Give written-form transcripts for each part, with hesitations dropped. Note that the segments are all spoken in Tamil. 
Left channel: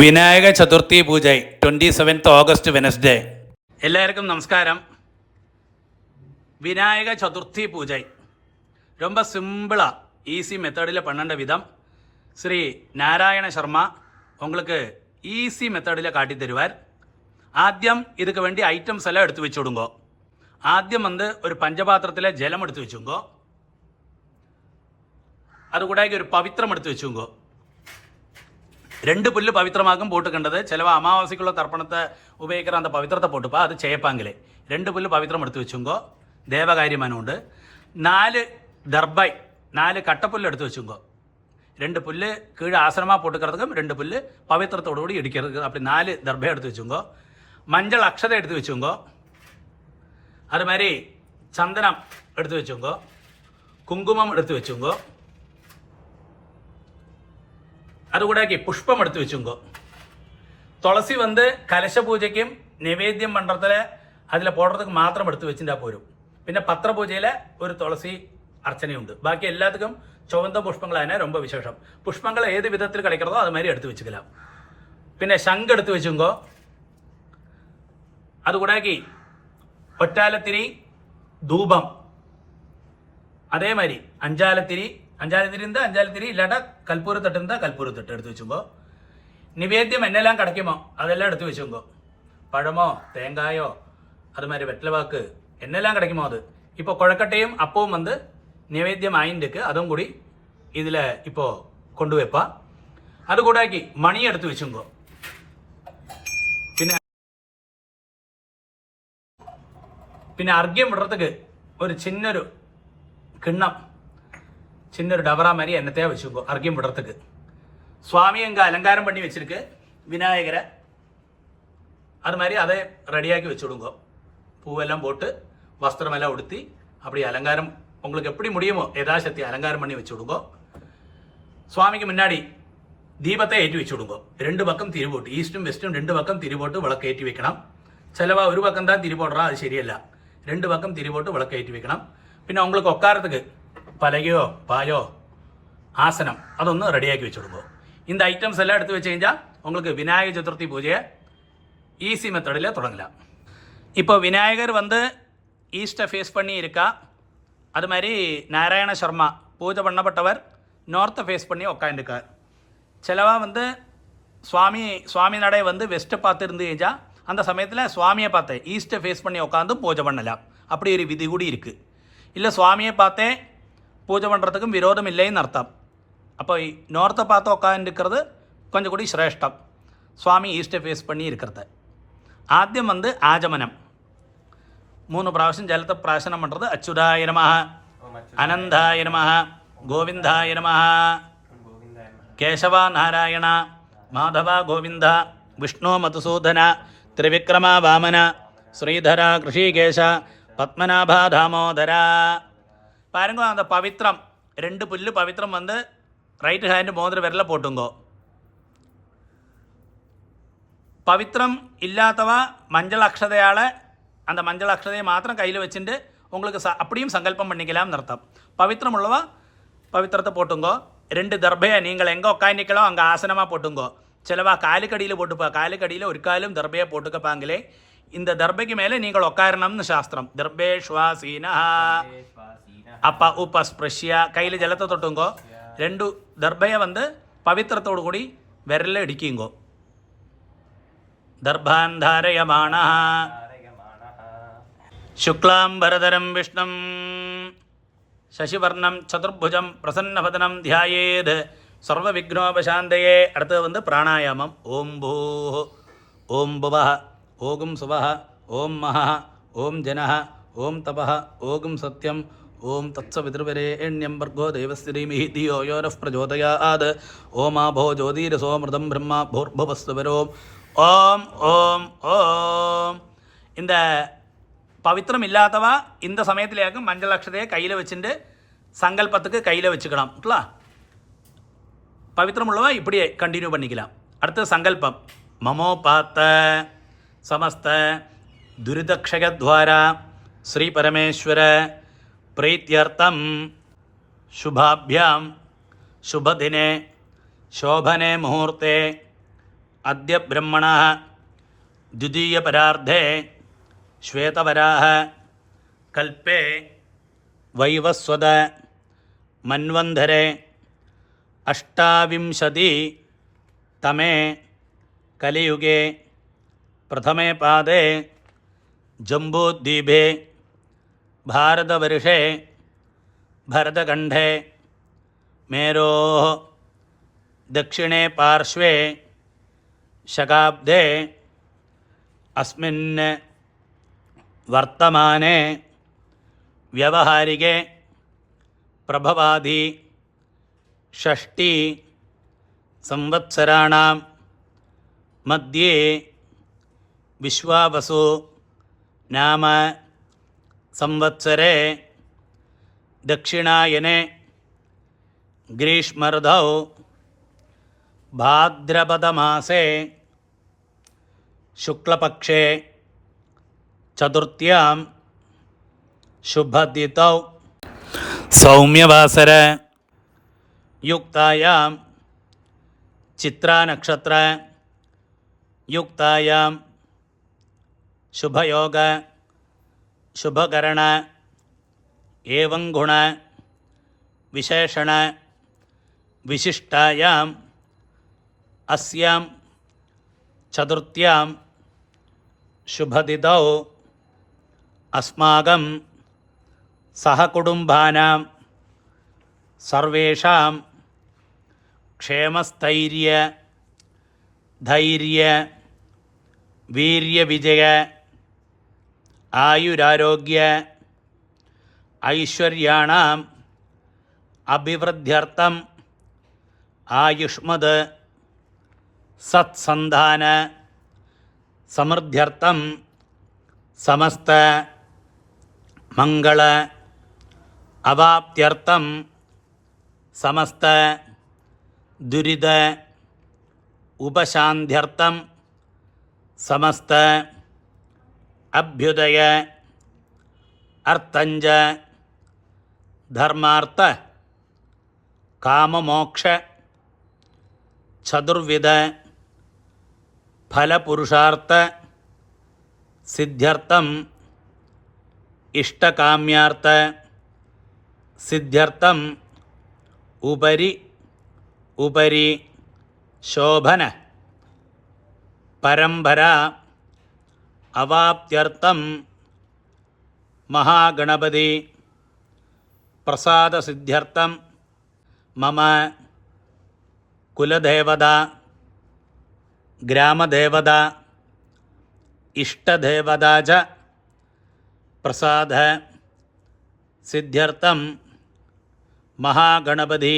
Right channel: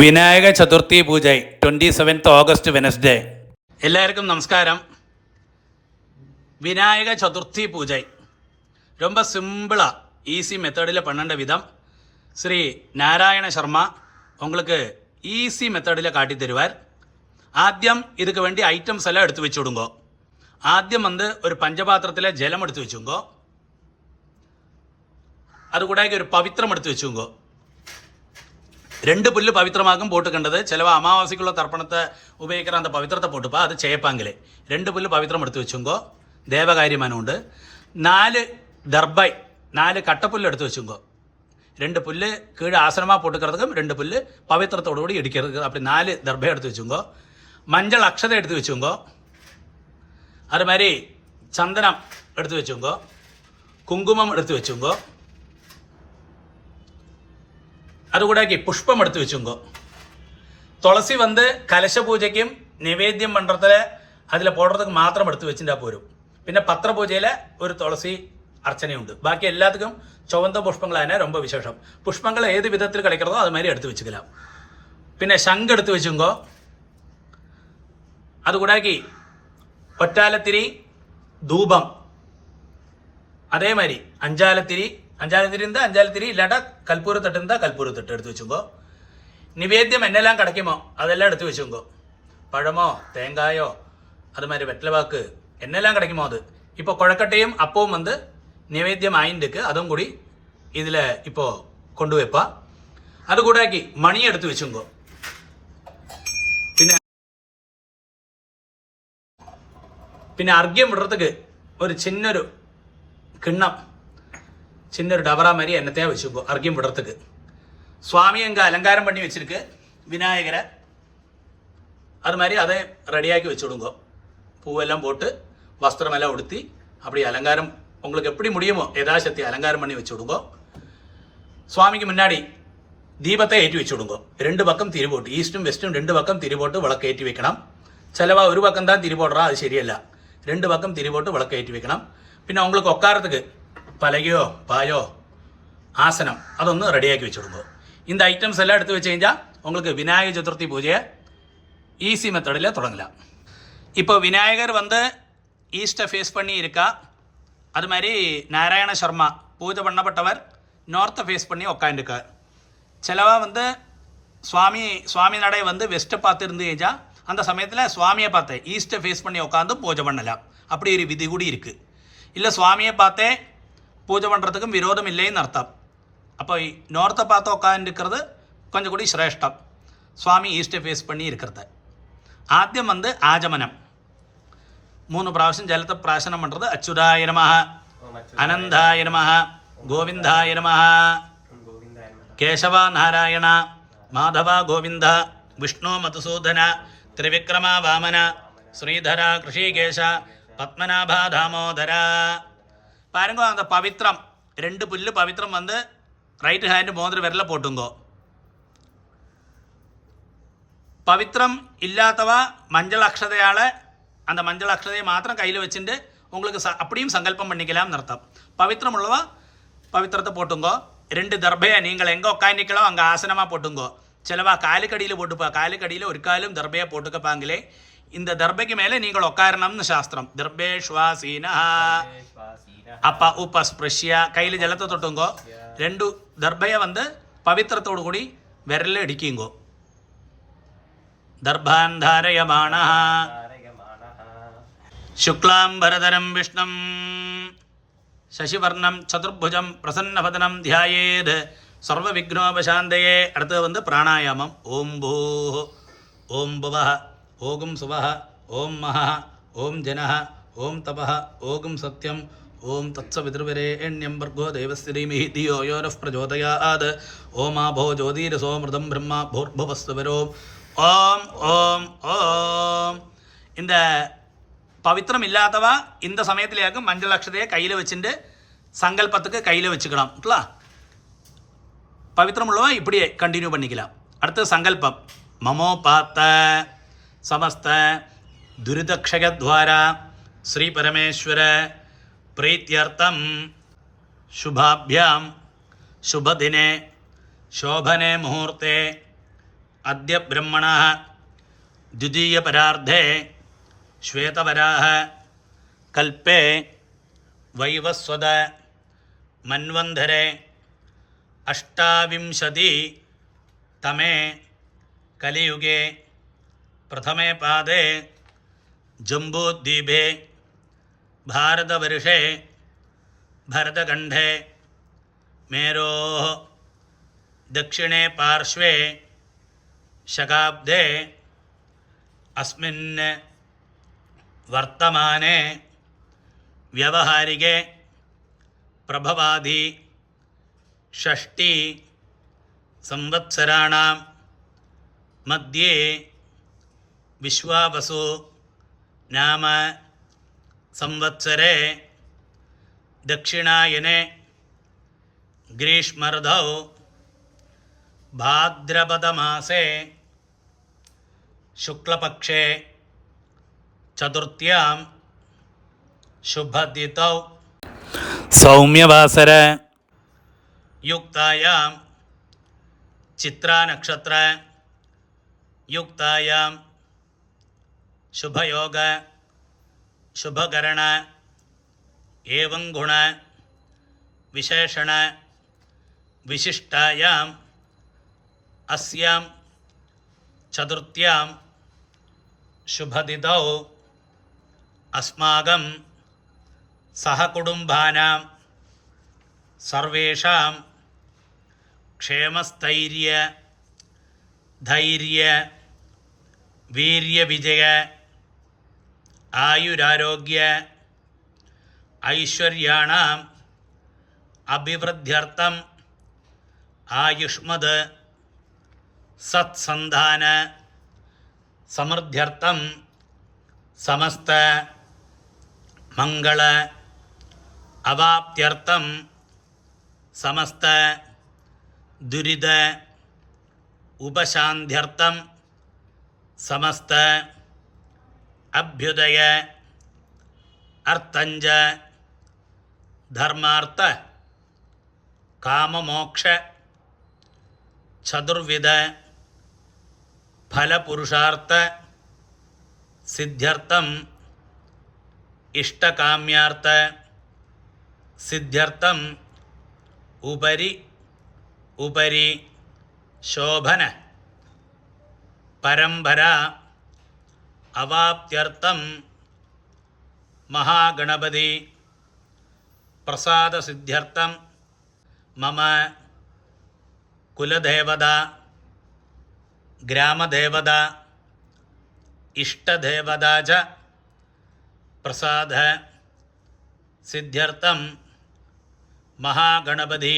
വിനായക ചതുർത്ഥി പൂജ 27th August വെനസ്ഡേ. எல்லாருக்கும் நமஸ்காரம். விநாயக சதுர்த்தி பூஜை ரொம்ப சிம்பிளாக ஈஸி மெத்தடில் பண்ண விதம் ஸ்ரீ நாராயண சர்மா உங்களுக்கு ஈஸி மெத்தடில் காட்டி தருவார். ആദ്യം இதுக்கு வேண்டிய ஐட்டம்ஸ் எல்லாம் எடுத்து வச்சுடுங்கோ. ആദ്യം ഒരു പഞ്ചപാത്രത്തിൽ ജലം എടുത്ത് വെച്ചുങ്കോ. അതുകൂടാതെ ഒരു പവിത്രം എടുത്ത് വെച്ചുങ്കോ. 2 പുല്ല് പവിത്രമാകും പോട്ടുക്കേണ്ടത്. ചിലവ് അമാവാസിക്കുള്ള തർപ്പണത്തെ ഉപയോഗിക്കുന്ന அந்த പവിത്രത്തെ പോട്ടുപ്പാ അത് ചെയ്യപ്പാങ്കിലേ 2 പുല്ല് പവിത്രം എടുത്ത് വെച്ചുങ്കോ. ദേവകാര്യമാനുണ്ട്. 4 ദർബൈ 4 കട്ടപ്പുല്ല് എടുത്ത് വെച്ചുങ്കോ. 2 പുല്ല് കീഴ് ആസനமாக போட்டுக்கிறதுக்கும் 2 புல்லு பவித்திரத்தோடு கூடி இடிக்கிறது. அப்படி 4 தர்பை எடுத்து வச்சுங்கோ. மஞ்சள் அக்ஷதை எடுத்து வச்சுங்கோ. அது மாதிரி சந்தனம் எடுத்து வச்சுங்கோ. குங்குமம் எடுத்து வச்சுங்கோ. അതുകൂടാക്കി പുഷ്പം എടുത്ത് വെച്ചുങ്കോ. തുളസി കലശ പൂജയ്ക്കും നിവേദ്യം മണ്ഡലത്തിൽ അതിൽ പോടുறதுக்கு മാത്രം എടുത്ത് വെച്ചിട്ടാൽ പോരും. പിന്നെ പത്രപൂജയിൽ ഒരു തുളസി അർച്ചനയുണ്ട്. ബാക്കി എല്ലാத்துக்கும் ചുവന്ന പുഷ്പങ്ങളാണ് ரொம்ப വിശേഷം. പുഷ്പങ്ങൾ ഏത് വിധത്തിൽ கிடைக்கிறதோ அது மாதிரி എടുത്ത് വെച്ചുக்கலாம். പിന്നെ ശംഖ് എടുത്ത് വെച്ചുങ്കോ. അതുകൂടാക്കി ഒറ്റാലത്തിരി ധൂപം അതേമാതിരി അഞ്ചാലത്തിരി இருந்தால் அஞ்சாலத்திரி இல்லாட்டா கற்பூரத்தட்டு இருந்தால் கற்பூரத்தட்டு எடுத்து வச்சுங்கோ. நிவேத்தியம் என்னெல்லாம் கிடைக்குமோ அதெல்லாம் எடுத்து வச்சுங்கோ. பழமோ தேங்காயோ அது மாதிரி வெற்றிலவாக்கு என்னெல்லாம் கிடைக்குமோ அது. இப்போ குழக்கட்டையும் அப்பவும் நிவேத்தியம் ஆயிருக்கு. அதுவும் கூடி இதில் இப்போது கொண்டு வைப்பா. அது கூடாக்கி மணி எடுத்து வச்சுங்கோ. പിന്നെ അർഘ്യം വിടുறதுக்கு ഒരു ചിന്നൊരു കിണ്ണം சின்ன டபரா மாதிரி எண்ணத்தையாக வச்சுக்கோ. அர்க்கியம் விடுறதுக்கு சுவாமி அங்கே அலங்காரம் பண்ணி வச்சுருக்கு விநாயகரை. அது மாதிரி அதை ரெடியாக்கி வச்சுடுங்கோ. பூவெல்லாம் போட்டு வஸ்திரமெல்லாம் உடுத்தி அப்படி அலங்காரம் உங்களுக்கு எப்படி முடியுமோ யதாசக்தி அலங்காரம் பண்ணி வச்சுடுங்கோ. சுவாமிக்கு முன்னாடி தீபத்தை ஏற்றி வச்சுடுங்கோ. 2 பக்கம் திரி போட்டு ஈஸ்டும் வெஸ்ட்டும் 2 பக்கம் திரி போட்டு விளக்கு ஏற்றி வைக்கணும். சிலவா ஒரு பக்கம் தான் திரி போடுறா, அது சரியல்ல. 2 பக்கம் திரி போட்டு விளக்கு ஏற்றி வைக்கணும். பின்ன உங்களுக்கு உட்காரத்துக்கு பலகையோ பாயோ ஆசனம் அதொன்று ரெடியாக்கி வச்சுடுங்கோ. இந்த ஐட்டம்ஸ் எல்லாம் எடுத்து வச்சு കഴിഞ്ഞാൽ உங்களுக்கு விநாயக சதுர்த்தி பூஜையை ஈஸி மெத்தடில் தொடங்கலாம். இப்போ விநாயகர் ஈஸ்ட்டை ஃபேஸ் பண்ணி இருக்கா. அது மாதிரி நாராயண சர்மா பூஜை பண்ணப்பட்டவர் நார்த்தை ஃபேஸ் பண்ணி உட்காந்துருக்கார். சிலவா சுவாமி நடை வெஸ்ட்டை பார்த்து இருந்து കഴിഞ്ഞാல் அந்த சமயத்தில் சுவாமியை பார்த்தேன் ஈஸ்ட்டை ஃபேஸ் பண்ணி உட்காந்து பூஜை பண்ணலாம். அப்படி ஒரு விதி கூடி இருக்குது. இல்லை சுவாமியை பார்த்தே பூஜை பண்ணுறதுக்கும் விரோதம் இல்லைன்னு அர்த்தம். அப்போ நோர்த்தை பார்த்து உட்காந்துருக்கிறது கொஞ்சம் கூடி சிரேஷ்டம் சுவாமி ஈஸ்ட்டை ஃபேஸ் பண்ணி இருக்கிறத. ആദ്യം ആചമനം 3 പ്രാവശ്യം ജലത്തെ പ്രാശനം பண்ணுறது. അച്യുതായ നമഃ, അനന്തായ നമഃ, ഗോവിന്ദായ നമഃ, കേശവ നാരായണ, മാധവ ഗോവിന്ദ, വിഷ്ണു മധുസൂദന, ത്രിവിക്രമ വാമന, ശ്രീധര ഋഷികേശ, പത്മനാഭ ദാമോദര. பாருங்க அந்த பவித்திரம் 2 புல்லு பவித்திரம் ரைட்டு ஹேண்டு மோதிர விரல போட்டுங்கோ. பவித்திரம் இல்லாதவா மஞ்சள் அக்ஷதையால் அந்த மஞ்சள் அக்ஷதையை மாத்திரம் கையில் வச்சுட்டு உங்களுக்கு அப்படியும் சங்கல்பம் பண்ணிக்கலாம்னு அர்த்தம். பவித்திரம் உள்ளவா பவித்திரத்தை போட்டுங்கோ. 2 தர்பையை நீங்கள் எங்கே உட்காந்துக்கலோ அங்கே ஆசனமாக போட்டுங்கோ. சிலவா காலுக்கடியில் போட்டுப்பா. காலுக்கடியில் ஒரு காலும் தர்பையை போட்டுக்கப்பாங்களே. இந்த தர்பைக்கு மேலே நீங்கள் உட்காரணும்னு சாஸ்திரம். தர்பேஷ்வாசீனா அப்பா உபஸ்பிருஷ்ய கையில் ஜலத்தை தொட்டுங்கோ. 2 தர்பையை பவித்திரத்தோடு கூடி விரலில் இடிக்குங்கோ. தர்பான் தாரயமானா சுக்லாம்பரதரம் விஷ்ணம் சசிவர்ணம் சதுர்புஜம் பிரசன்னவதனம் தியாயேத் சர்வ விக்னோபசாந்தயே. அடுத்தது பிராணாயாமம். ஓம் பூ ஓம் புவः ஓம் சுவः ஓம் மஹः ஓம் ஜனः ஓம் தபः ஓம் சத்யம் ஓம் தத்சவிதுர்வரேண்யம் பர்கோ தேவஸ்ய தீமஹி தியோ யோ நः பிரச்சோதயாத். ஓம் ஆபோ ஜோதிரசோ மிருதம் பிரம்மா பூர்புவஸ்சுவரோம். ஓம் ஓம் ஓம். இந்த பவித்திரம் இல்லாதவா இந்த சமயத்திலேயாக்கும் மஞ்சள் அக்ஷதையை கையில் வச்சுட்டு சங்கல்பத்துக்கு கையில் வச்சுக்கலாம். பவித்திரம் உள்ளவா இப்படியே கண்டினியூ பண்ணிக்கலாம். அடுத்து சங்கல்பம். மமோபாத்த சமஸ்த துரிதக்ஷயத்வாரா ஸ்ரீ பரமேஸ்வர प्रीत्यर्थम शुभाभ्याम शुभदिने शोभने मुहूर्ते अद्य ब्रह्मणः द्वितीयपरार्धे श्वेतवराह कल्पे वैवस्वत मन्वन्धरे अष्टाविंशतितमे कलियुगे प्रथमे पादे जम्बूद्वीपे भारतवर्षे भरतखण्डे मेरोः दक्षिणे पार्श्वे शकाब्दे अस्मिन् वर्तमाने व्यवहारिके प्रभवादि षष्टि संवत्सराणां मध्ये विश्वावसु नाम संवत्सरे दक्षिणायने ग्रीष्मर्धौ भाद्रपदमासे शुक्लपक्षे चतुर्थ्यां शुभतिथौ सौम्यवासर युक्तायां चित्रानक्षत्र युक्तायां शुभयोग शुभकरण एवं गुण विशेषण विशिष्टायां अस्यां चतुर्थ्यां शुभतिथौ अस्माकं सहकुटुम्बानां सर्वेषां क्षेमस्थैर्य धैर्य वीर्यविजय आयुरारोग्य ऐश्वर्याणाम् अभिवृद्ध्यर्थम् आयुष्मद् सत्सन्धान समृद्ध्यर्थं समस्त मंगल अवाप्त्यर्थं समस्त दुरित उपशान्त्यर्थं समस्त अभ्युदय अर्थंज धर्मार्थ काममोक्ष चतुर्विध फलपुरुषार्थ सिद्ध्यर्थम इष्टकाम्यार्थ सिद्ध्यर्थम उपरि उपरि शोभन परंपरा अवाप्त्यर्थम महागणपति प्रसाद सिद्ध्यर्थम मम कुलदेवता ग्रामदेवता इष्टदेवता च प्रसाद सिद्ध्यर्थम महागणपति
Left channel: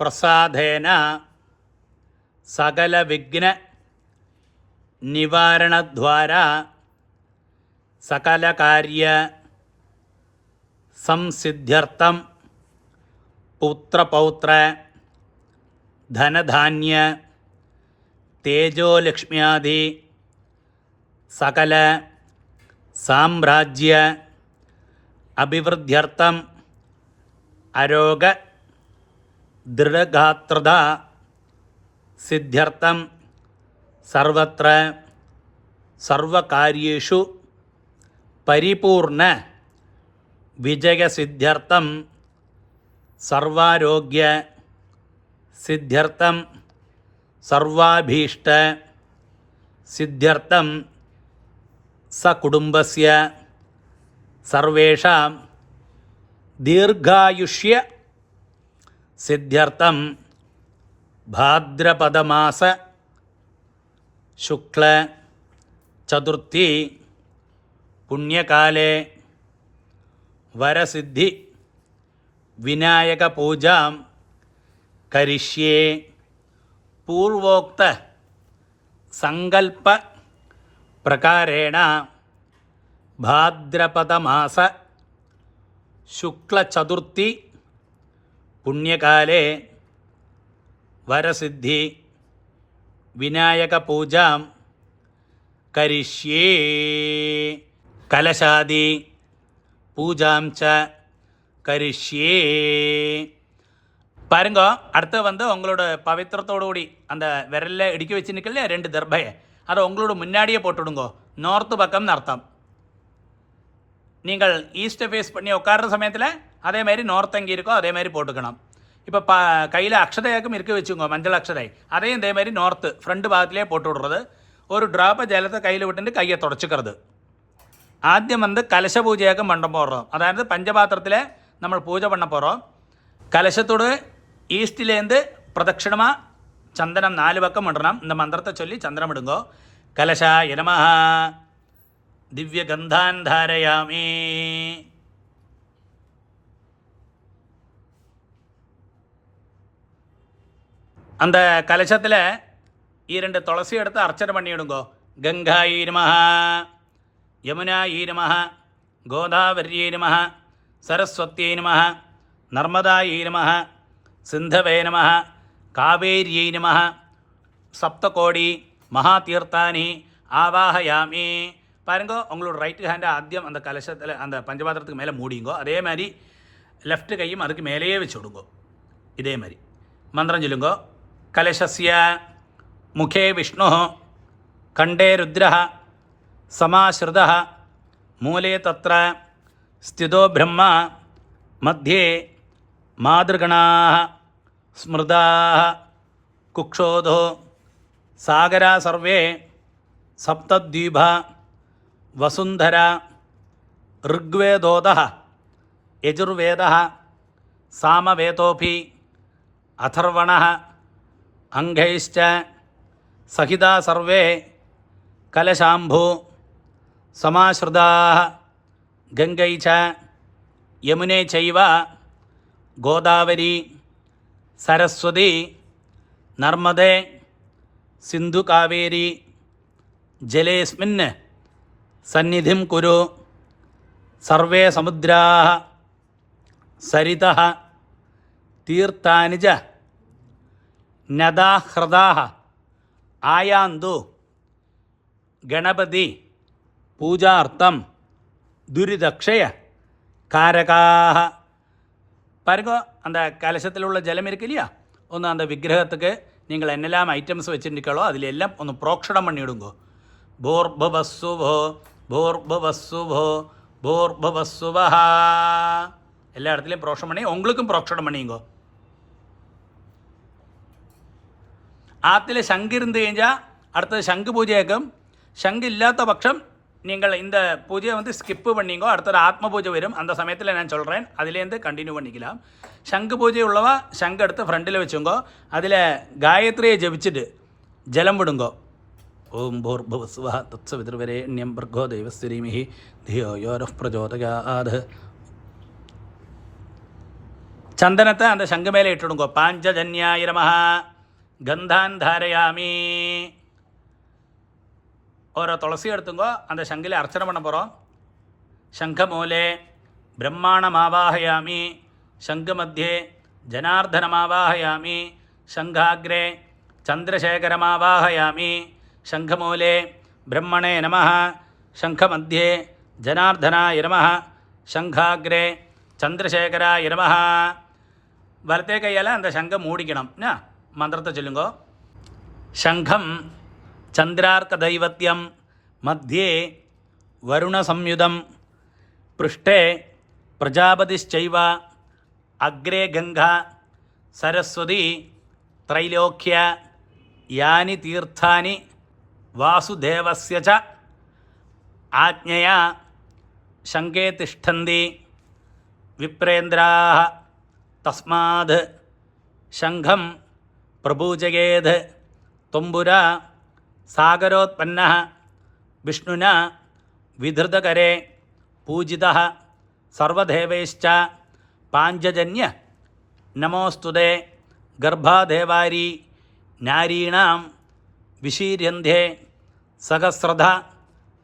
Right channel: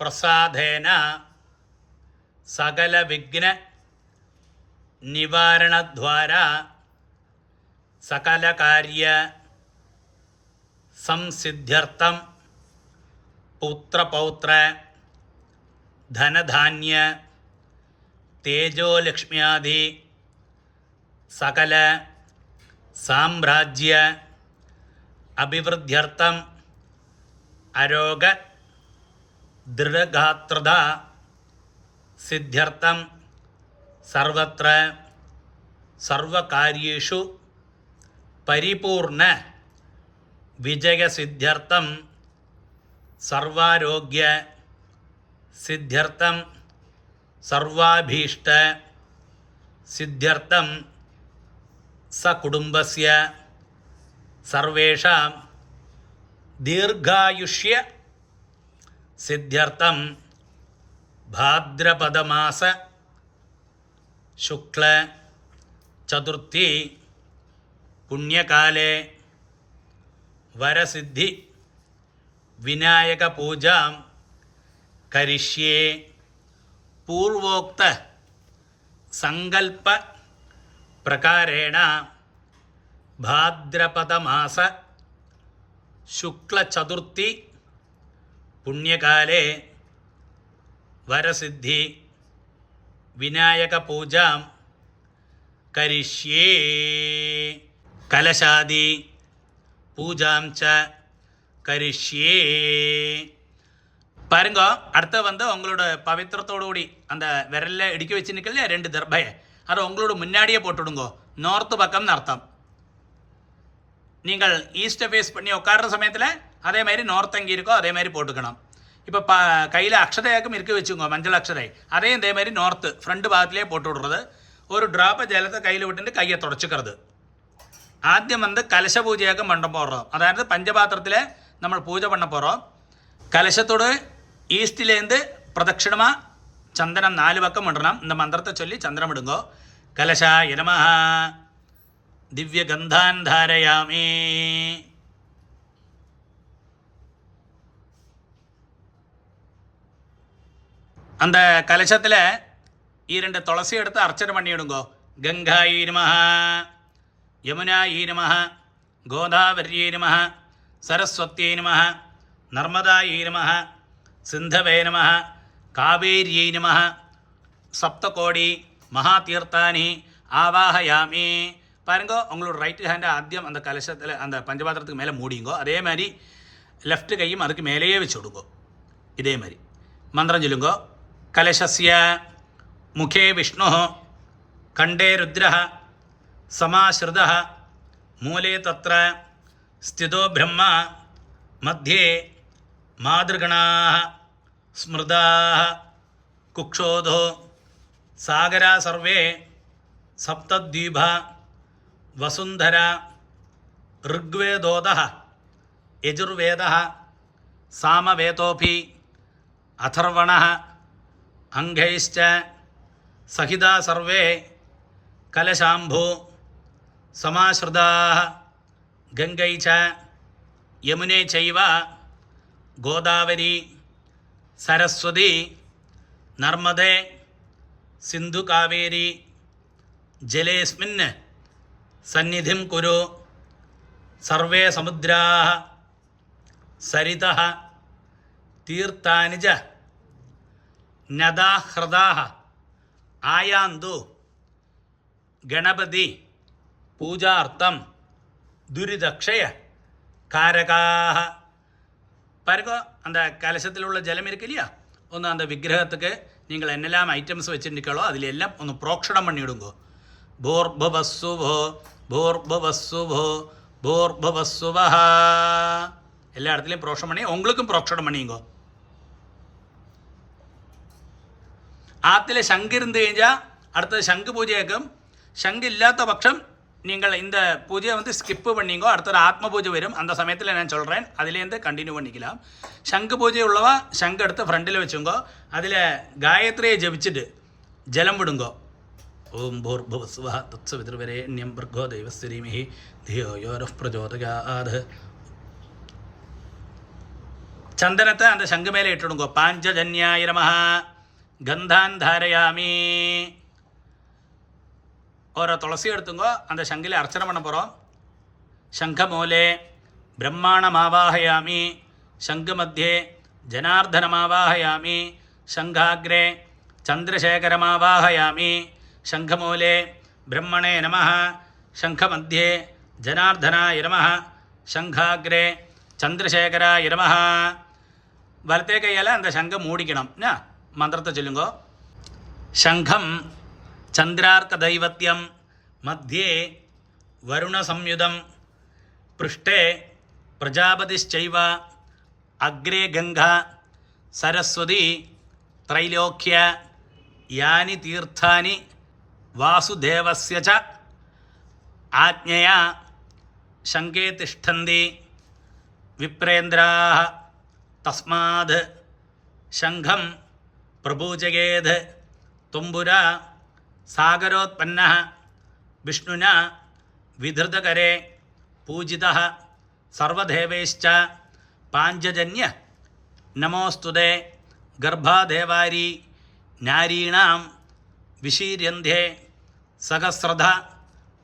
प्रसादेन सकल विघ्न निवारण द्वारा सकल कार्य संसिद्ध्यर्थम पुत्रपौत्र धनधान्य तेजोलक्ष्म्यादि सकल साम्राज्य अभिवृद्ध्यर्थम अरोग दृढ़गात्रता सिद्ध्यर्थम सर्वत्र सर्वकार्येषु परिपूर्ण विजय सिद्ध्यर्थम सर्वारोग्य सिद्ध्यर्थम सर्वाभीष्ट सिद्ध्यर्थम सकुटुम्बस्य सर्वेषां दीर्घायुष्य सिद्ध्यर्थम भाद्रपदमास शुक्ल चतुर्थी पुण्यकाले वरसिद्धि विनायक पूजा करिष्ये पूर्वोक्त संकल्प प्रकारेण भाद्रपदमास शुक्ल चतुर्थी पुण्यकाले वरसिद्धि विनायक पूजा करिष्ये कलशादि पूजां च करिष्ये பாருங்க. அடுத்து வந்து உங்களோட பவித்திரத்தோடு கூடி அந்த விரலில் இடுக்கி வச்சு நிற்கலையா 2 தர்பையை, அதை உங்களோட முன்னாடியே போட்டுவிடுங்கோ. நார்த்து பக்கம்னு அர்த்தம். நீங்கள் ஈஸ்ட்டை ஃபேஸ் பண்ணி உட்கார்ற சமயத்தில் அதே மாதிரி நார்த் எங்கே இருக்கோ அதே மாதிரி போட்டுக்கணும். இப்போ கையில் அக்ஷதையாக்கும் இருக்க வச்சுக்கோங்க, மஞ்சள் அக்ஷதை, அதையும் இதே மாதிரி நார்த்து ஃப்ரண்ட் பாகத்திலே போட்டு விடுறது. ஒரு ட்ராப்பை ஜலத்தை கையில் விட்டுட்டு கையை தொடச்சிக்கிறது. ஆദ്യം வந்து கலச பூஜையாக்கும் பண்ண போடுறோம். அதாவது பஞ்சபாத்திரத்தில் நம்ம பூஜை பண்ண போகிறோம். கலசத்தோடு ஈஸ்டிலேருந்து பிரதட்சிணமாக சந்தனம் 4 பக்கம் இடணும். இந்த மந்திரத்தை சொல்லி சந்திரம் இடுங்கோ. கலசாய நமஹ திவ்ய கந்தான் தாரயாமி. அந்த கலசத்தில் 2 துளசி எடுத்து அர்ச்சனை பண்ணிவிடுங்கோ. கங்காயி நமஹ, யமுனாயி நமஹ, கோதாவரியை நமஹ, சரஸ்வத்தியை நமஹ, நர்மதாயை நமஹ, சிந்தவே நமஹ, காவேரியை நமஹ, சப்தகோடி மகாதீர்த்தானி ஆவாஹயாமி. பாருங்கோ, உங்களோட ரைட்டு ஹேண்டை ஆദ്യം அந்த கலசத்தில் அந்த பஞ்சபாத்திரத்துக்கு மேலே மூடிங்கோ. அதே மாதிரி லெஃப்ட் கையும் அதுக்கு மேலேயே வச்சு விடுங்கோ. இதே மாதிரி மந்திரம் சொல்லுங்கோ. கலசஸ்ய முகே விஷ்ணு, கண்டே ருத்ர, சமாஸ்ருத, மூலே தத்ர ஸ்திதோ பிரம்மா, மத்தியே மாதృగணாः ஸ்மிருதாः, குக்ஷோதோ சாகரா சர்வே, சப்தத்வீபா, வசுந்தரா, ऋग्वेदोदः, यजुर्वेदः, सामवेदोऽपि, अथर्वणः, अंगैश्च सहिता सर्वे कलशाम्भु समाश्रिताः गंगै च यमुने चैव गोदावरी सरस्वती नर्मदे सिन्धुकावेरी जलेऽस्मिन् सन्निधिं कुरु. सर्वे समुद्राः सरितः तीर्थानि च नदाः ह्रदाः आयान्तु गणपति पूजार्थं दुरिदक्षय कारकाः. பாருங்க, அந்த கலசத்தில் உள்ள ஜலம் இருக்கு இல்லையா, ஒன்று அந்த விக்கிரகத்துக்கு நீங்கள் என்னெல்லாம் ஐட்டம்ஸ் வச்சுருக்கீங்களோ அதில் எல்லாம் ஒன்று புரோக்ஷணம் பண்ணிவிடுங்கோ. भूर्भुवस्सुभो भूर्भुवस्सुभो भूर्भुवस्सुवः. எல்லா இடத்துலையும் புரோக்ஷணம் பண்ணி உங்களுக்கும் புரோக்ஷணம் பண்ணிங்கோ. ஆற்றுல சங்கு இருந்து കഴിഞ്ഞാൽ அடுத்தது சங்கு பூஜையாக்கும். சங்கு இல்லாத பட்சம் நீங்கள் இந்த பூஜையை வந்து ஸ்கிப்பு பண்ணிங்கோ. அடுத்தது ஆத்ம பூஜை வரும். அந்த சமயத்தில் நான் சொல்கிறேன், அதுலேருந்து கண்டினியூ பண்ணிக்கலாம். சங்கு பூஜை உள்ளவா சங்கு எடுத்து ஃப்ரண்டில் வச்சுங்கோ. அதில் காயத்ரியை ஜபிச்சுட்டு ஜலம் விடுங்கோ. ஓம் भूर्भुवस्सुवः तत्सवितुर्वरेण्यं भर्गो देवस्य धीमहि धियो यो नः प्रचोदयात्. சந்தனத்தை அந்த சங்கு மேலே இட்டுடுங்கோ. பாஞ்சஜன்யாய நமஹ கந்தான் தாரயாமி. ஒரு துளசி எடுத்துங்கோ, அந்த சங்கில் அர்ச்சனை பண்ண போகிறோம். சங்கமூலே பிரம்மாணமாவாஹயாமி, சங்கு மத்தியே ஜனார்தனமாவாஹயாமி, சங்காக்ரே சந்திரசேகரமாவாஹயாமி, சங்கமூலே பிரம்மணே நமஹ, சங்கமத்தியே ஜனார்தனாய நமஹ, சங்காக்ரே சந்திரசேகராய நமஹ. வலத்தே கையால் அந்த சங்கை மூடிக்கணும். மந்திரத்தை சொல்லுங்கோ. சங்கம் சந்திரார்க்கதைவத்தியம், மத்தியே வருணசம்யுதம், पृष्ठे प्रजापतिश्चैव, अग्रे गंगा सरस्वती त्रैलोक्य, यानि तीर्थानि वासुदेवस्य च आज्ञया शंके तिष्ठन्ति विप्रेन्द्राः. तस्माद् शंखं प्रपूजयेत्. तुम्बुरा सागरोत्पन्नः विष्णुना विधृतकरे पूजितः सर्वदेवैश्च पाञ्चजन्य नमोस्तुते. गर्भादेवारी नारीणां विशीर्यन्ते सहस्रधा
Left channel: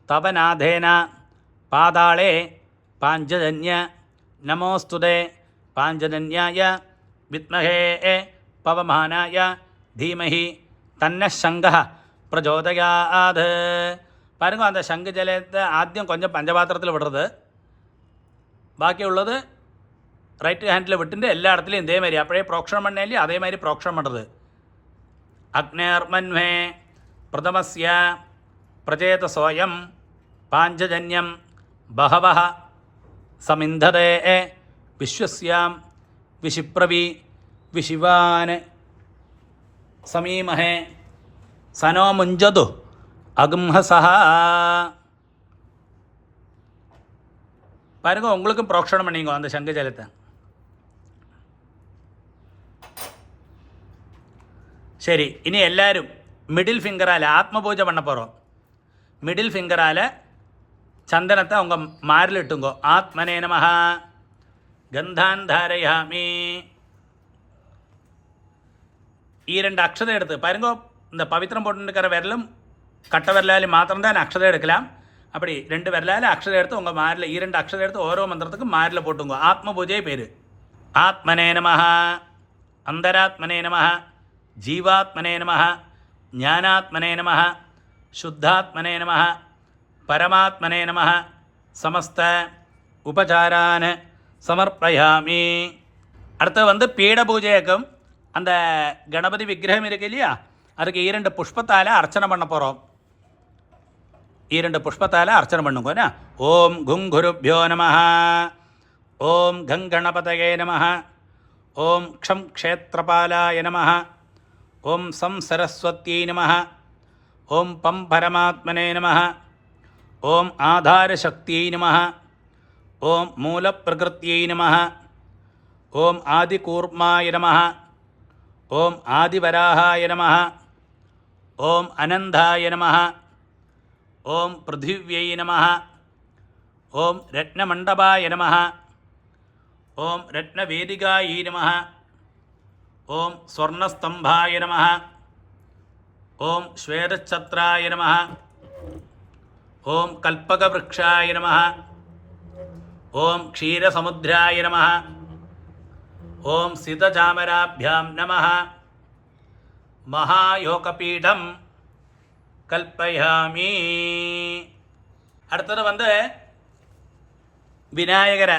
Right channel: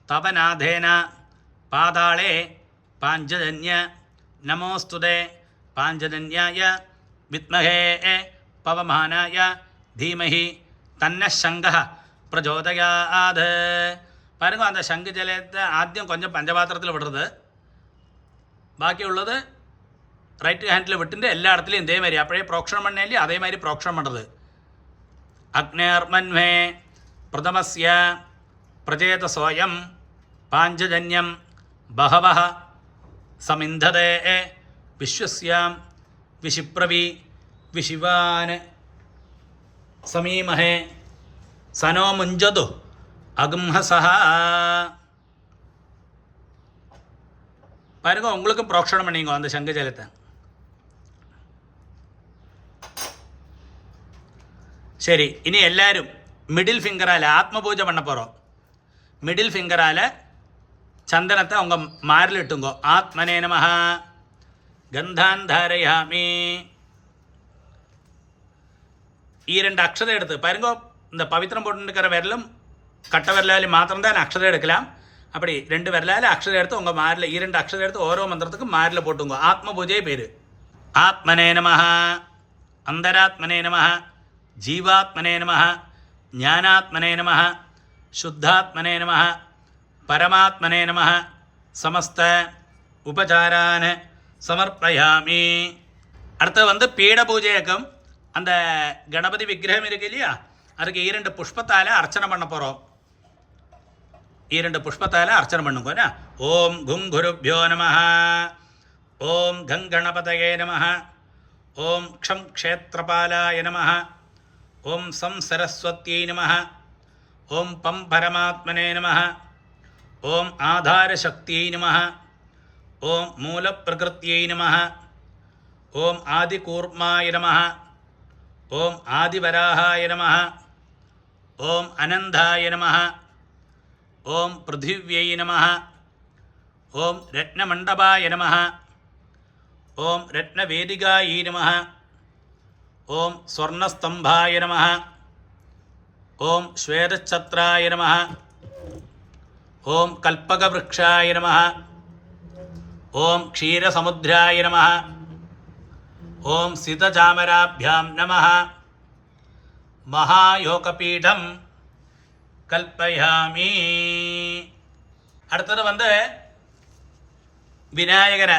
तवनाथेन पाताले पाञ्चजन्य नमोस्तुते. पाञ्चजन्याय विद्महे पवमानाय धीमहि तन्नः शङ्खः प्रचोदयात्. பாருங்க, அந்த சங்கு ஜலத்தை ஆദ്യം கொஞ்சம் பஞ்சபாத்திரத்தில் விடுறது, பாக்கியுள்ளது ரைட் ஹேண்டில் விட்டுட்டு எல்லா இடத்துலையும் இதே மாதிரி அப்படியே ப்ரோக்ஷணம் பண்ணேன் அதே மாதிரி ப்ரோக்ஷணம் பண்ணுறது. அக்னேர்மன்வே பிரதமஸ்ய பிரஜேதசோயம் பாஞ்சஜன்யம் பகவஹ சமிந்ததே விஸ்வஸ்யாம் விஷிப்ரவி விஷிவான் சமீமஹே சனோ முஞ்சது அகும்ஹசஹ. பாருங்க, உங்களுக்கும் ப்ரோக்ஷணம் பண்ணிங்க அந்த சங்கு ஜலத்தை. சரி, இனி எல்லாரும் மிடில் ஃபிங்கரால் ஆத்மபூஜை பண்ண போகிறோம். மிடில் ஃபிங்கரால் சந்தனத்தை உங்கள் மாரில் இட்டுங்கோ. ஆத்மனே நமஹ கந்தான் தாரயாமி. ரெண்டு அக்ஷரம் எடுத்து பாருங்க. இந்த பவித்திரம் போட்டுருக்கிற விரலும் கட்ட விரலாலும் மாத்திரம்தான் அக்ஷரம் எடுக்கலாம். அப்படி 2 விரலால் அக்ஷரம் எடுத்து உங்கள் மாரில் 2 அக்ஷரம் எடுத்து ஓரோ மந்திரத்துக்கும் மாரில் போட்டுங்க. ஆத்ம பூஜை பேர். ஆத்மனே நமஹ அந்தராத்மனே நமஹ ஜீவாத்மனே நமஹ ஞானாத்மனே நமஹ சுத்தாத்மனே நமஹ பரமாத்மனே நமஹ சமஸ்த உபசாரான் சமர்ப்பயாமி. அடுத்து பீட பூஜையக்கும் அந்த கணபதி விக்கிரகம் இருக்கு இல்லையா, அதுக்கு 2 புஷ்பத்தால் அர்ச்சனை பண்ண போகிறோம். 2 புஷ்பத்தால் அர்ச்சனை பண்ணுங்க. ஓம் குங்குருப்யோ நமஹ ஓம் கங்கணபதயே நமஹ ஓம் க்ஷம் க்ஷேத்திரபாலாய நமஹ ஓம் சம் சரஸ்வத்யை நமஹ ஓம் பம் பரமாத்மனே நமஹ ஓம் ஆதாரசக்தியை நமஹ ஓம் மூலப்பிரகிருத்யை நமஹ ஓம் ஆதிகூர்மாய நமஹ ஓம் ஆதிவராகாய நமஹ ஓம் அனந்தாய நமஹ ஓம் பிருத்திவ்யை நமஹ ஓம் ரத்னமண்டபாய நமஹ ஓம் ரத்னவேதிகாயை நமஹ ஓம் ஸ்வர்ணஸ்தம்பாய நமஹ ஓம் ஸ்வேதச்சத்ராய நமஹ ஓம் கல்பகவ்ருக்ஷாய நமஹ ஓம் க்ஷீரசமுத்ராய நமஹ ஓம் சிதசாமராभ्याம் நமஹ மகாயோகபீடம் கல்பயாமி. அடுத்தது விநாயகரை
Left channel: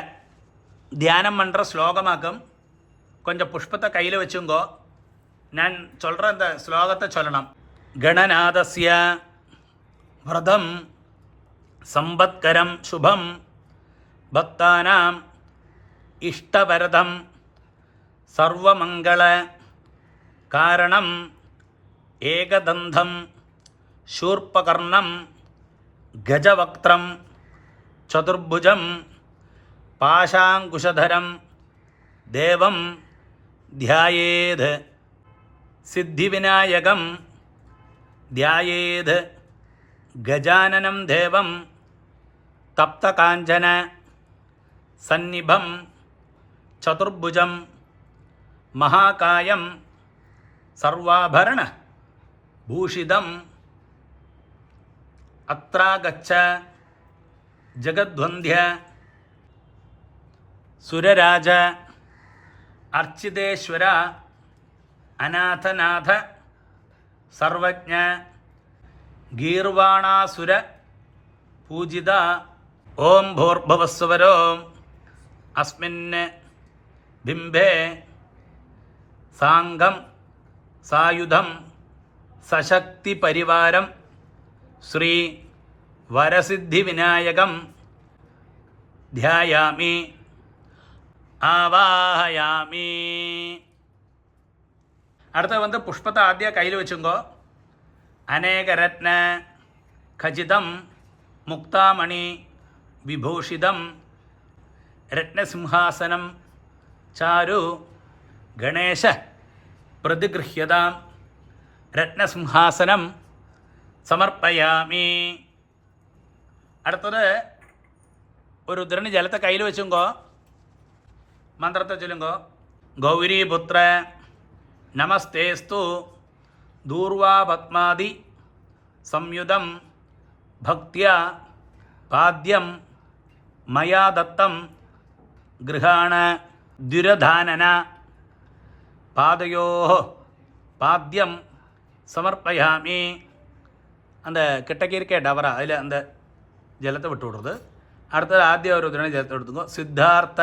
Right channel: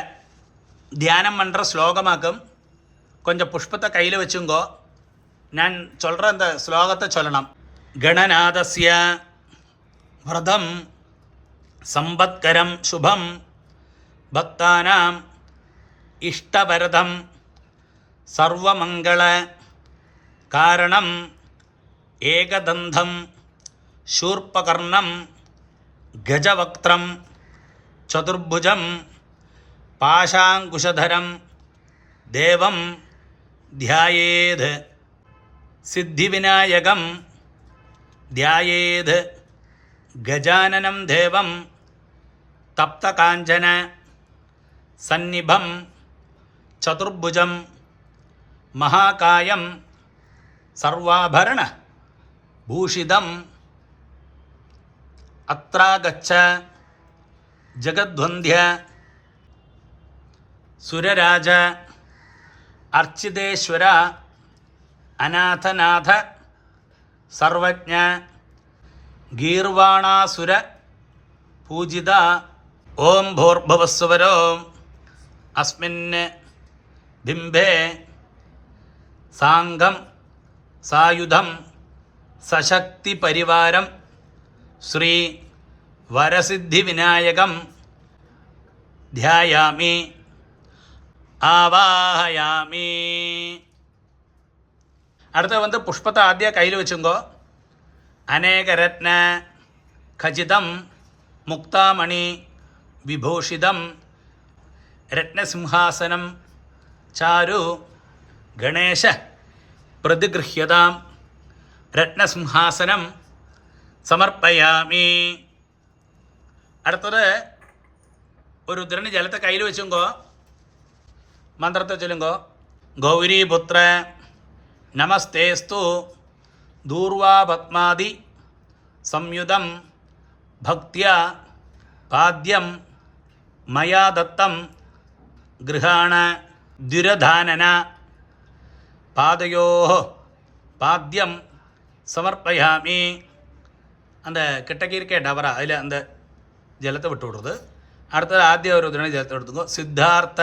தியானம் பண்ணுற ஸ்லோகமாக்கும். கொஞ்சம் புஷ்பத்தை கையில் வச்சுங்கோ. நான் சொல்கிற அந்த ஸ்லோகத்தை சொல்லணும். கணநாதஸ்ய விரதம் சம்பத்கரம் சுபம் பக்தானாம் இஷ்டவரதம் சர்வமங்கள காரணம் ஏகதந்தம் शूर्पकर्णं गजवक्त्रं चतुर्भुजं पाशाङ्कुशधरं देवं ध्यायेद् सिद्धिविनायकं ध्यायेद् गजाननं देवं तप्तकाञ्चन सन्निभं चतुर्भुजं महाकायं सर्वाभरण भूषितं अत्रागच्छ जगद्वन्द्य सुरराज अर्चितेश्वर अनाथनाथ सर्वज्ञ गीर्वाणासुर पूजिता ओं भूर्भुवस्सुवरो अस्मिन् बिम्बे सांगं सायुधं सशक्ति परिवारं श्री वरसिद्धि विनायकं ध्यायामि आवाहयामि. அடுத்து புஷ்பத்தை ஆத்தியா கையில் வச்சுங்கோ. அநேக ரத்ன கஜிதம் முக்தாமணி விபூஷிதம் ரத்னசிம்ஹாசனம் சாரு கணேஷ பிரதிகிருஹ்யதாம் ரத்னசிம்ஹாசனம் சமர்ப்பயாமி. அடுத்தது ஒரு திரணி ஜலத்தை கையில் வச்சுங்கோ. மந்திரத்தை சொல்லுங்கோ. கௌரிபுத்திர நமஸ்தேஸ்து தூர்வா பத்மாதி சம்யுதம் பக்தியா பாத்யம் மயா தத்தம் கிருஹாண துரதானன பாதையோ பாத்யம் சமர்ப்பயாமி. அந்த கிட்டக்கி இருக்க டவரா அதில் அந்த ஜலத்தை விட்டு விடுறது. அடுத்தது ஆத்திய ஒரு தினம் ஜலத்தை எடுத்துக்கோ. சித்தார்த்த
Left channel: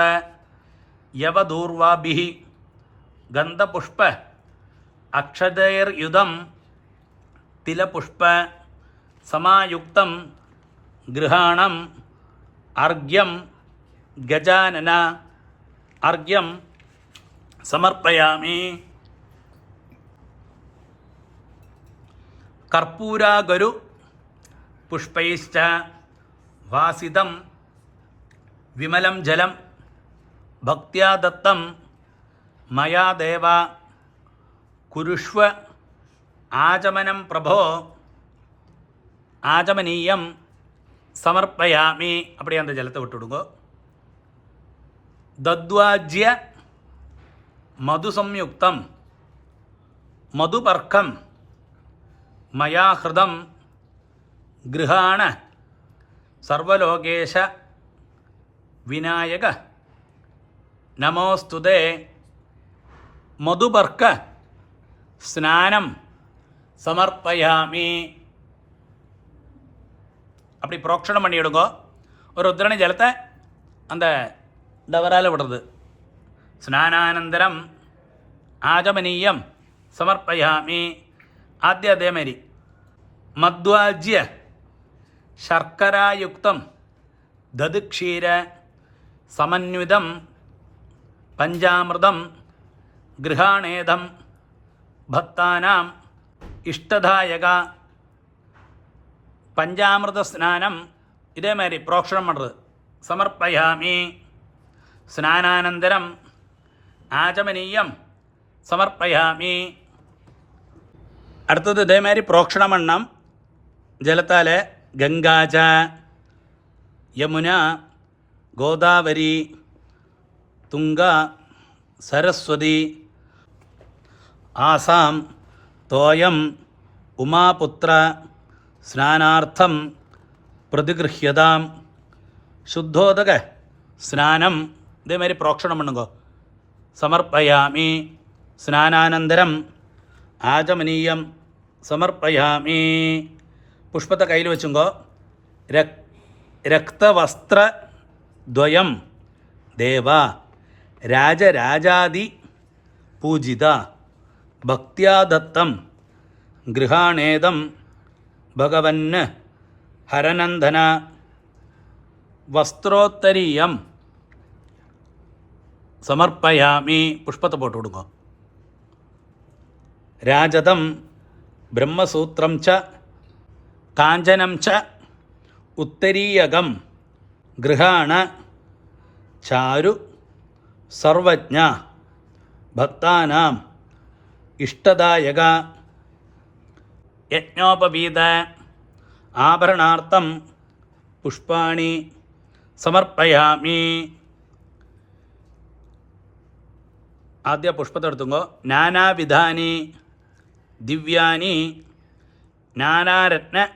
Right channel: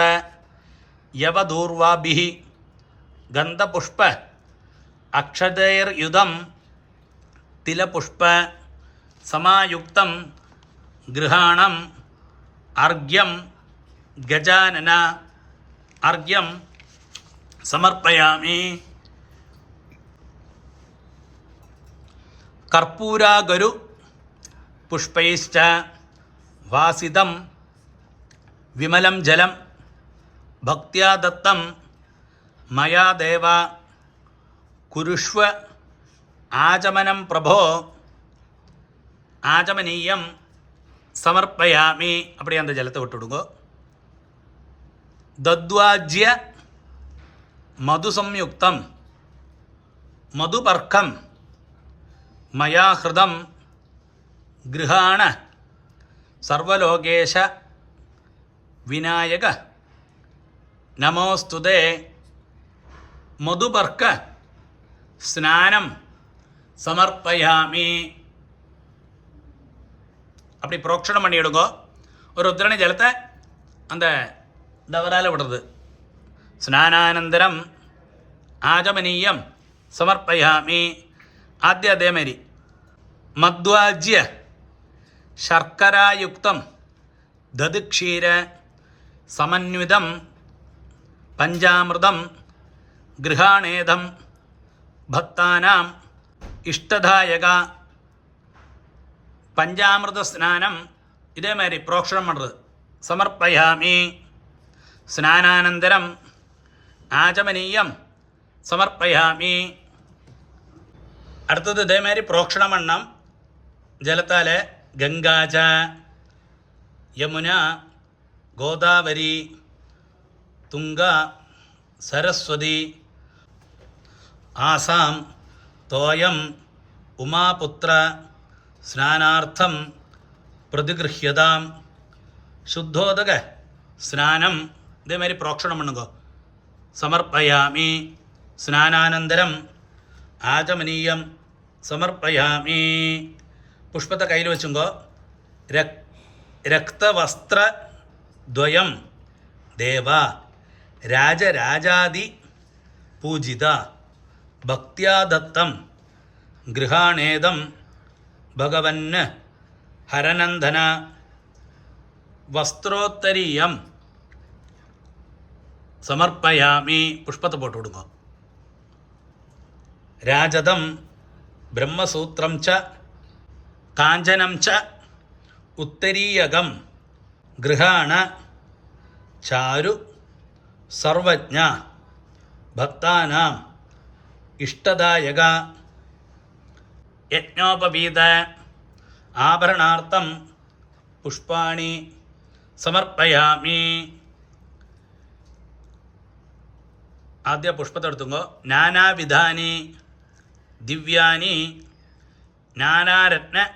യവദൂർവാഭിः ഗന്ധപുഷ്പ അക്ഷതൈർയുതം തിലപുഷ്പ സമായുക്തം ഗൃഹാണം അർഘ്യം ഗജാനന അർഘ്യം സമർപ്പയാമി. കർപ്പൂരാഗരു പുഷ്പൈശ്ച വാസിതം വിമലം ജലം ഭക്ത്യാ ദത്തം മയാ ദേവ കുരുഷ്വ ആചമനം പ്രഭോ ആചമനീയം സമർപ്പയാമി. அப்படியே அந்த ஜலத்தை விட்டுடுங்க. தத்வாஜ்ய மது சம்யுக்தம் மதுபர்க்கம் மயா ஹிருதம் கிருஹாண സർവലോകേശ വിനായക നമോസ്തുതേ. മധുപർക്ക സ്നാനം സമർപ്പയാമി. அப்படி புரோக்ஷணம் பண்ணிவிடுங்க. ஒரு உத்திரணி ஜலத்தை அந்த டவரால் விடுறது. ஸ்நானானந்தரம் ஆஜமனீயம் സമർപ്പയാമി. ആദ്യം അതേമാതിരി മദ്വാജ്യ ശർക്കരായുക്തം ദധിക്ഷീര സമന്വിതം പഞ്ചാമൃതം ഗൃഹാണേദം ഭക്താനാം ഇഷ്ടദായക. പഞ്ചാമൃത സ്നാനം ഇതേമാതിരി പ്രോക്ഷണം പണ്ടത് സമർപ്പയാമി. സ്നാനാനന്തരം ആചമനീയം സമർപ്പയാമി. അടുത്തത് ഇതേമാതിരി പ്രോക്ഷണം എണ്ണം ജലത്താൽ ഗംഗാച യമുന ഗോദാവരി തുംഗ സരസ്വതി ആസാം തോയം ഉമാപുത്ര സ്നാനാർത്ഥം പ്രതിഗൃഹ്യതാം. ശുദ്ധോദക സ്നാനം ഇതേമാതിരി പ്രോക്ഷണം பண்ணுங்க സമർപ്പയാമി. സ്നാനാനന്തരം ആചമനീയം സമർപ്പയാമി. പുഷ്പത്തെ കയ്യിൽ വെച്ചുങ്കോ. രക്തവസ്ത്രദ്വയം ദേവ രാജരാജാദി പൂജിത ഭക്ത്യാ ദത്തം ഗൃഹാണേദം ഭഗവന് ഹരനന്ദന വസ്ത്രോത്തരീയം സമർപ്പയാമി. പുഷ്പത്തെ പോട്ട് കൊടുക്കുക. രാജതം ബ്രഹ്മസൂത്രം ച കാഞ്ചനം ച ഉത്തരീയകം ഗൃഹാണ ചാരു സർവജ്ഞ ഭക്താനാം ഇഷ്ടദായക. യജ്ഞോപവീത ആഭരണാർത്ഥം പുഷ്പാണി സമർപ്പയാമി. ആദ്യ പുഷ്പത്തെ എടുത്തുങ്കോ. നാനാവിധാനി ദിവ്യാനി നാനാരത്ന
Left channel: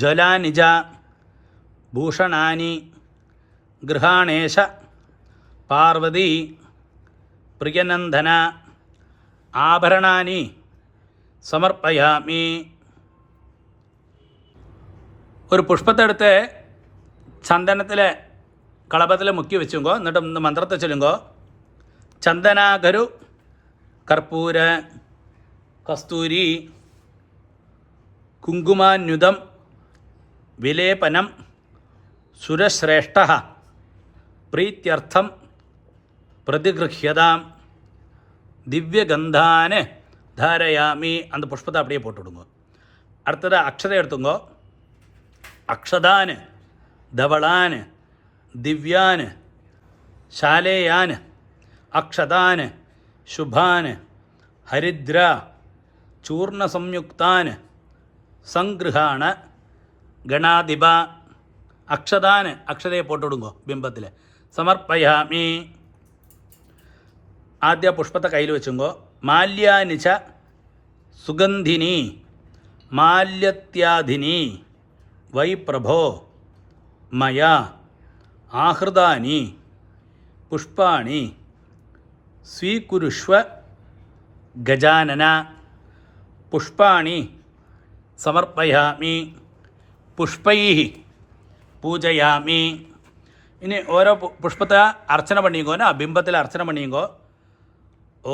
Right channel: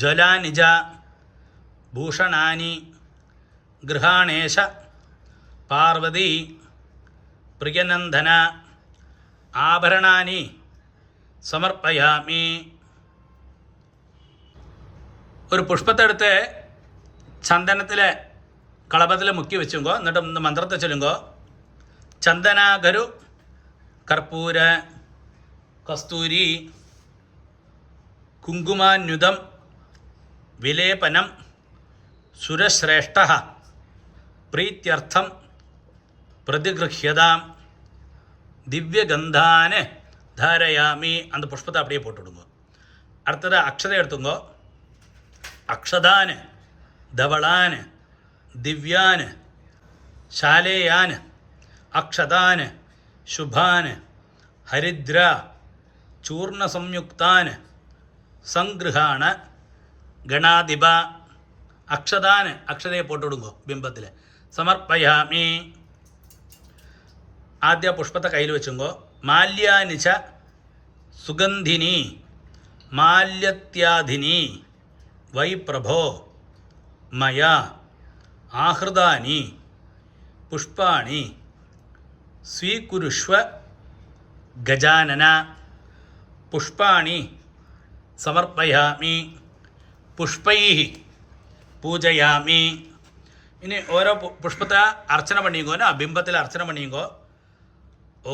ജ്വലാനിജ ഭൂഷണാനി ഗൃഹാണേശ പാർവതി പ്രിയനന്ദന ആഭരണാനി സമർപ്പയാമി. ഒരു പുഷ്പത്തെടുത്ത് ചന്ദനത്തിൽ കളഭത്തിൽ മുക്കി വെച്ചുങ്കോ. എന്നിട്ട് മന്ത്രത്തെ ചൊല്ലുങ്കോ. ചന്ദനാഗരു കർപ്പൂര കസ്തൂരി കുങ്കുമാന്യുതം വിലേപനം സുരശ്രേഷ്ഠ പ്രീത്യർത്ഥം പ്രതിഗൃഹ്യതാം ദിവ്യഗന്ധാന് ധാരയാമി. அந்த புஷ்பத்தை அப்படியே போட்டுவிடுங்க. அடுத்தது அக்ஷதை எடுத்துங்கோ. அக்ஷதான் தவளான் திவ்யான் ശാലേയാൻ അക്ഷതാൻ ശുഭാൻ ഹരിദ്ര ചൂർണസംയുക്താൻ സംഗൃഹാണ ഗണാധിപ. അക്ഷതാൻ അക്ഷതയെ പോട്ടുവിടുങ്ങോ ബിംബത്തിൽ സമർപ്പയാമി. ആദ്യ പുഷ്പത്തെ കയ്യിൽ വെച്ചുങ്കോ. മാല്യാനിച്ച സുഗന്ധിനി മാല്യത്യാധിനി വൈ പ്രഭോ മയാ ആഹൃതാനി പുഷ്പാണി സ്വീകുരുഷ്വ ഗജാനന. പുഷ്പാണി സമർപ്പയാമി. പുഷ്പൈ പൂജയാമി. ഇനി ഓരോ പുഷ്പത്തെ അർച്ചന പണിയുങ്കോനോ ബിംബത്തിൽ അർച്ചന പണിയുങ്കോ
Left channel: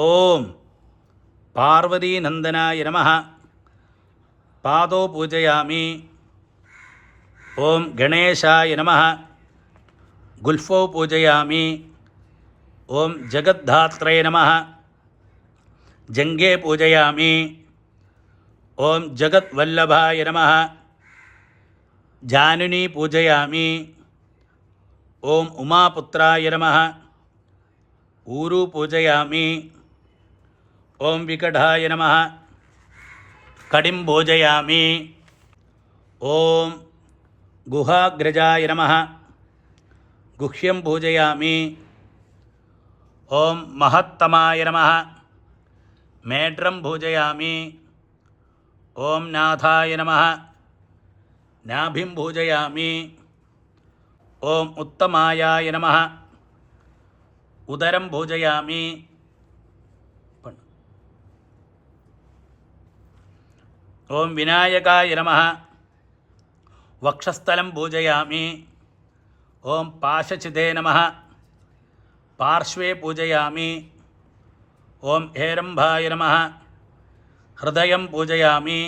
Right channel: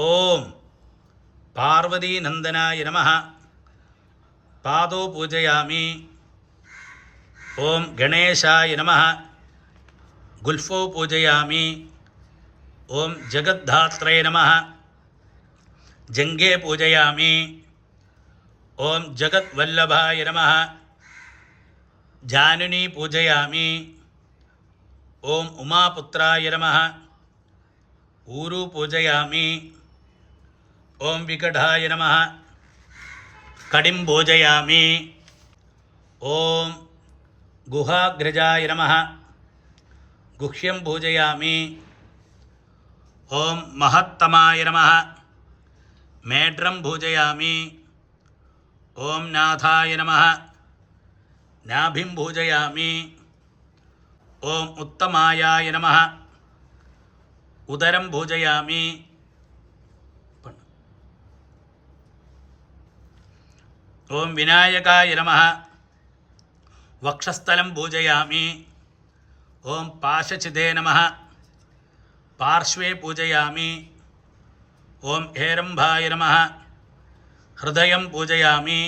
ഓം പാർവതീനന്ദനായ നമഃ പാദോ പൂജയാമി. ഓം ഗണേശായ നമഃ ഗുൽഫോ പൂജയാമി. ഓം ജഗദ്ധാത്രേ നമഃ ജംഘേ പൂജയാമി. ഓം ജഗദ്വല്ലഭായ നമഃ ജാനുനി പൂജയാമി. ഓം ഉമാപുത്രായ നമഃ ഊരു പൂജയാമി. ഓം വികടായ നമഃ കടിം പൂജയാമി. ഓം ഗുഹാഗ്രജായ നമഃ ഗുഹ്യം പൂജയാമി. ഓം മഹത്തമായ നമഃ മേഢ്രം പൂജയാമി. ഓം നാഥായ നമഃ നാഭിം പൂജയാമി. ഓം ഉത്തമായായ നമഃ ഉദരം പൂജയാമി. ഓം വിനായകായ നമഃ വക്ഷസ്ഥലം പൂജയാമി. ഓം പാശചിതേ നമഃ പാർശ്വേ പൂജയാമി. ഓം ഹേരംഭായ നമഃ ഹൃദയം പൂജയാമി.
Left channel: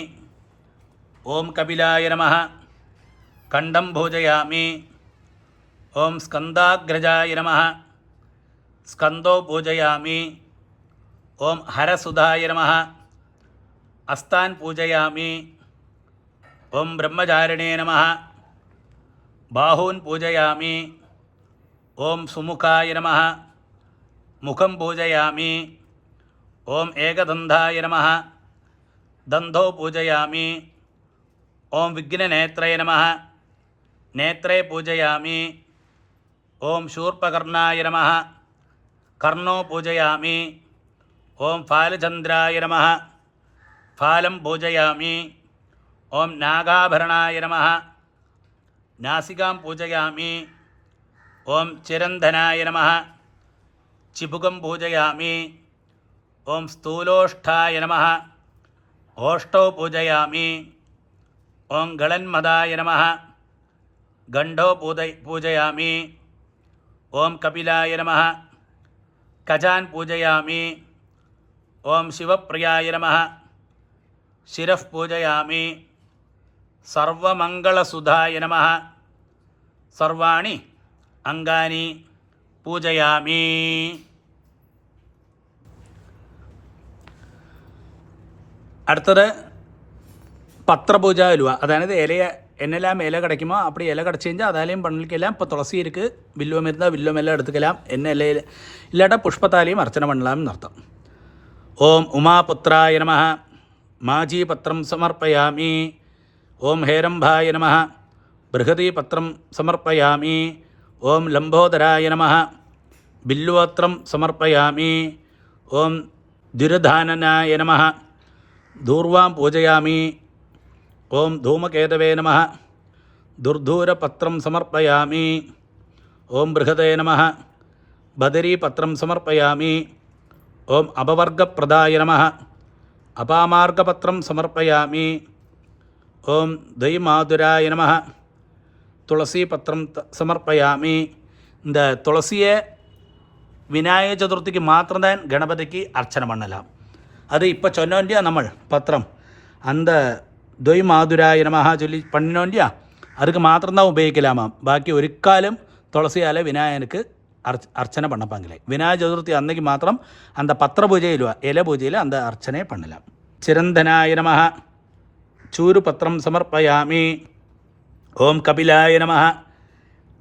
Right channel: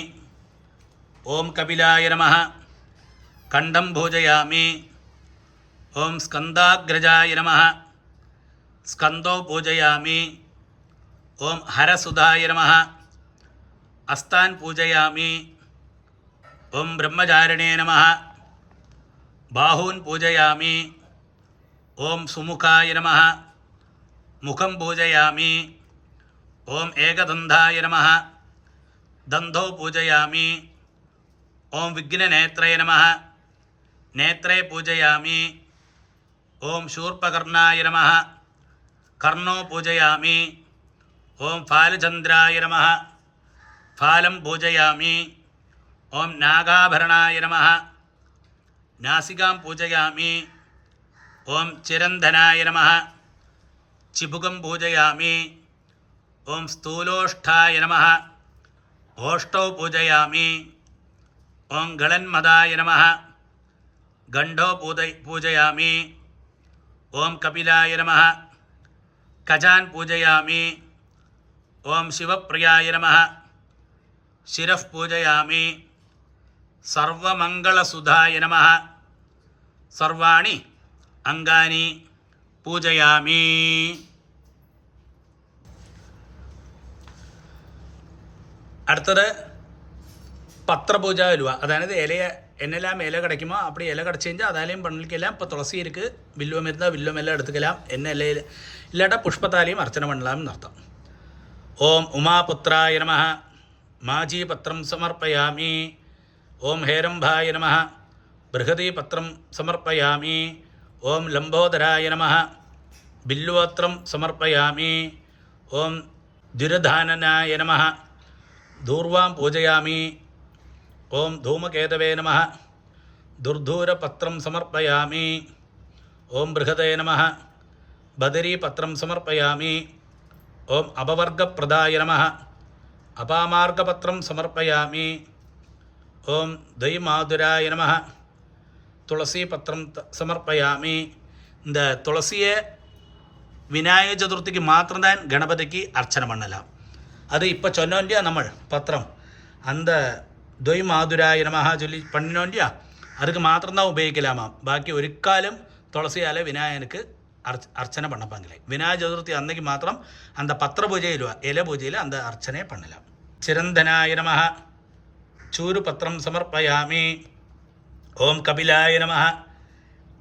ഓം കപിലായ നമഃ കണ്ഠം പൂജയാമി. ഓം സ്കന്ധാഗ്രജായ നമഃ സ്കന്ദോ പൂജയാമി. ഓം ഹരസുധായ നമഃ അസ്താൻ പൂജയാമി. ഓം ബ്രഹ്മചാരിണേ നമഃ ബാഹൂൻ പൂജയാമി. ഓം സുമുഖായ നമഃ മുഖം പൂജയാമി. ഓം ഏകദന്തായ നമഃ ദന്തോ പൂജയാമി. ഓം വിഘ്നനേത്രേ നമഃ നേത്രേ പൂജയാമി. ഓം ശൂർപകർണായ നമഃ കർണോ പൂജയാമി. ഓം ഫാലചന്ദ്രായ നമഃ ഫാലം പൂജയാമി. ഓം നാഗാഭരണായ നമഃ നാസികാം പൂജയാമി. ഓം ചിരന്ധനായ നമഃ ചിബുകം പൂജയാമി. ഓം സ്ഥൂലോഷ്ഠായ നമഃ ഓഷ്ടോ പൂജയാമി. ഓം ഗളന്മദായ നമഃ ഗണ്ഡോ പൂജയാമി. ഓം കപിലായ നമഃ കജാൻ പൂജയാമി. ഓം ശിവപ്രിയായ നമഃ ശിരഃ പൂജയാമി. സർവമംഗളസുധായ നമഃ സർവാണി അംഗാനി പൂജയാമി. അടുത്തത് பத்திரபூஜ அலுவா, அதாவது இலைய என்னெல்லாம் இலை கிடைக்குமோ அப்படி இலை கிடச்சிருந்தா அதாலையும் பண்ணிக்கலாம். இப்போ துளசி இருக்குது, வில்வம் இருந்தால் வில்வம் எல்லாம் எடுத்துக்கலாம். என்ன இலையில் இல்லாட்டா புஷ்பத்தாலையும் அர்ச்சனை பண்ணலாம்னு அர்த்தம். ஓம் உமாபுத்ராய நமः மாஜி பத்திரம் சமர்ப்பயாமி. ஓம் ஹேரம்பாய நமः பிருகதி பத்திரம் சமர்ப்பயாமி. ஓம் லம்போதராய நமः பில்லுவத்திரம் சமர்ப்பயாமி. ஓம் திருதானனாய நமः தூர்வாம் பூஜயாமி. ஓம் தூமகேதவே நமः துர்தூரபத்திரம் சமர்ப்பயாமி. ஓம் பிருகதே நமः பதரீபத்திரம் சமர்ப்பயாமி. ஓம் அபவர்கப்பிரதாய நமः அபாமார்கபத்திரம் சமர்ப்பயாமி. ஓம் துய்மாதுராய நமः துளசி பத்திரம் சமர்ப்பயாமி. இந்த துளசியை விநாயக சதுர்த்திக்கு மாத்திரம்தான் கணபதிக்கு அர்ச்சனை பண்ணலாம். அது இப்போ சொன்னோம் இல்லையா நம்ம பத்திரம், அந்த துய்மாதுராய நமஹ சொல்லி பண்ணினோம் இல்லையா, அதுக்கு மாத்திரம்தான் உபயோகிக்கலாமாம். பாக்கி ஒருக்காலும் துளசியால் விநாயகனுக்கு அர்ச்சனை பண்ணப்பாங்களே. விநாயக சதுர்த்தி அன்னைக்கு மாத்திரம் அந்த பத்திர பூஜையில் இலை பூஜையில் அந்த அர்ச்சனை பண்ணலாம். சிரந்தனாய நமஹ சூரு பத்திரம் சமர்ப்பயாமி. ஓம் கபிலாய நமஹ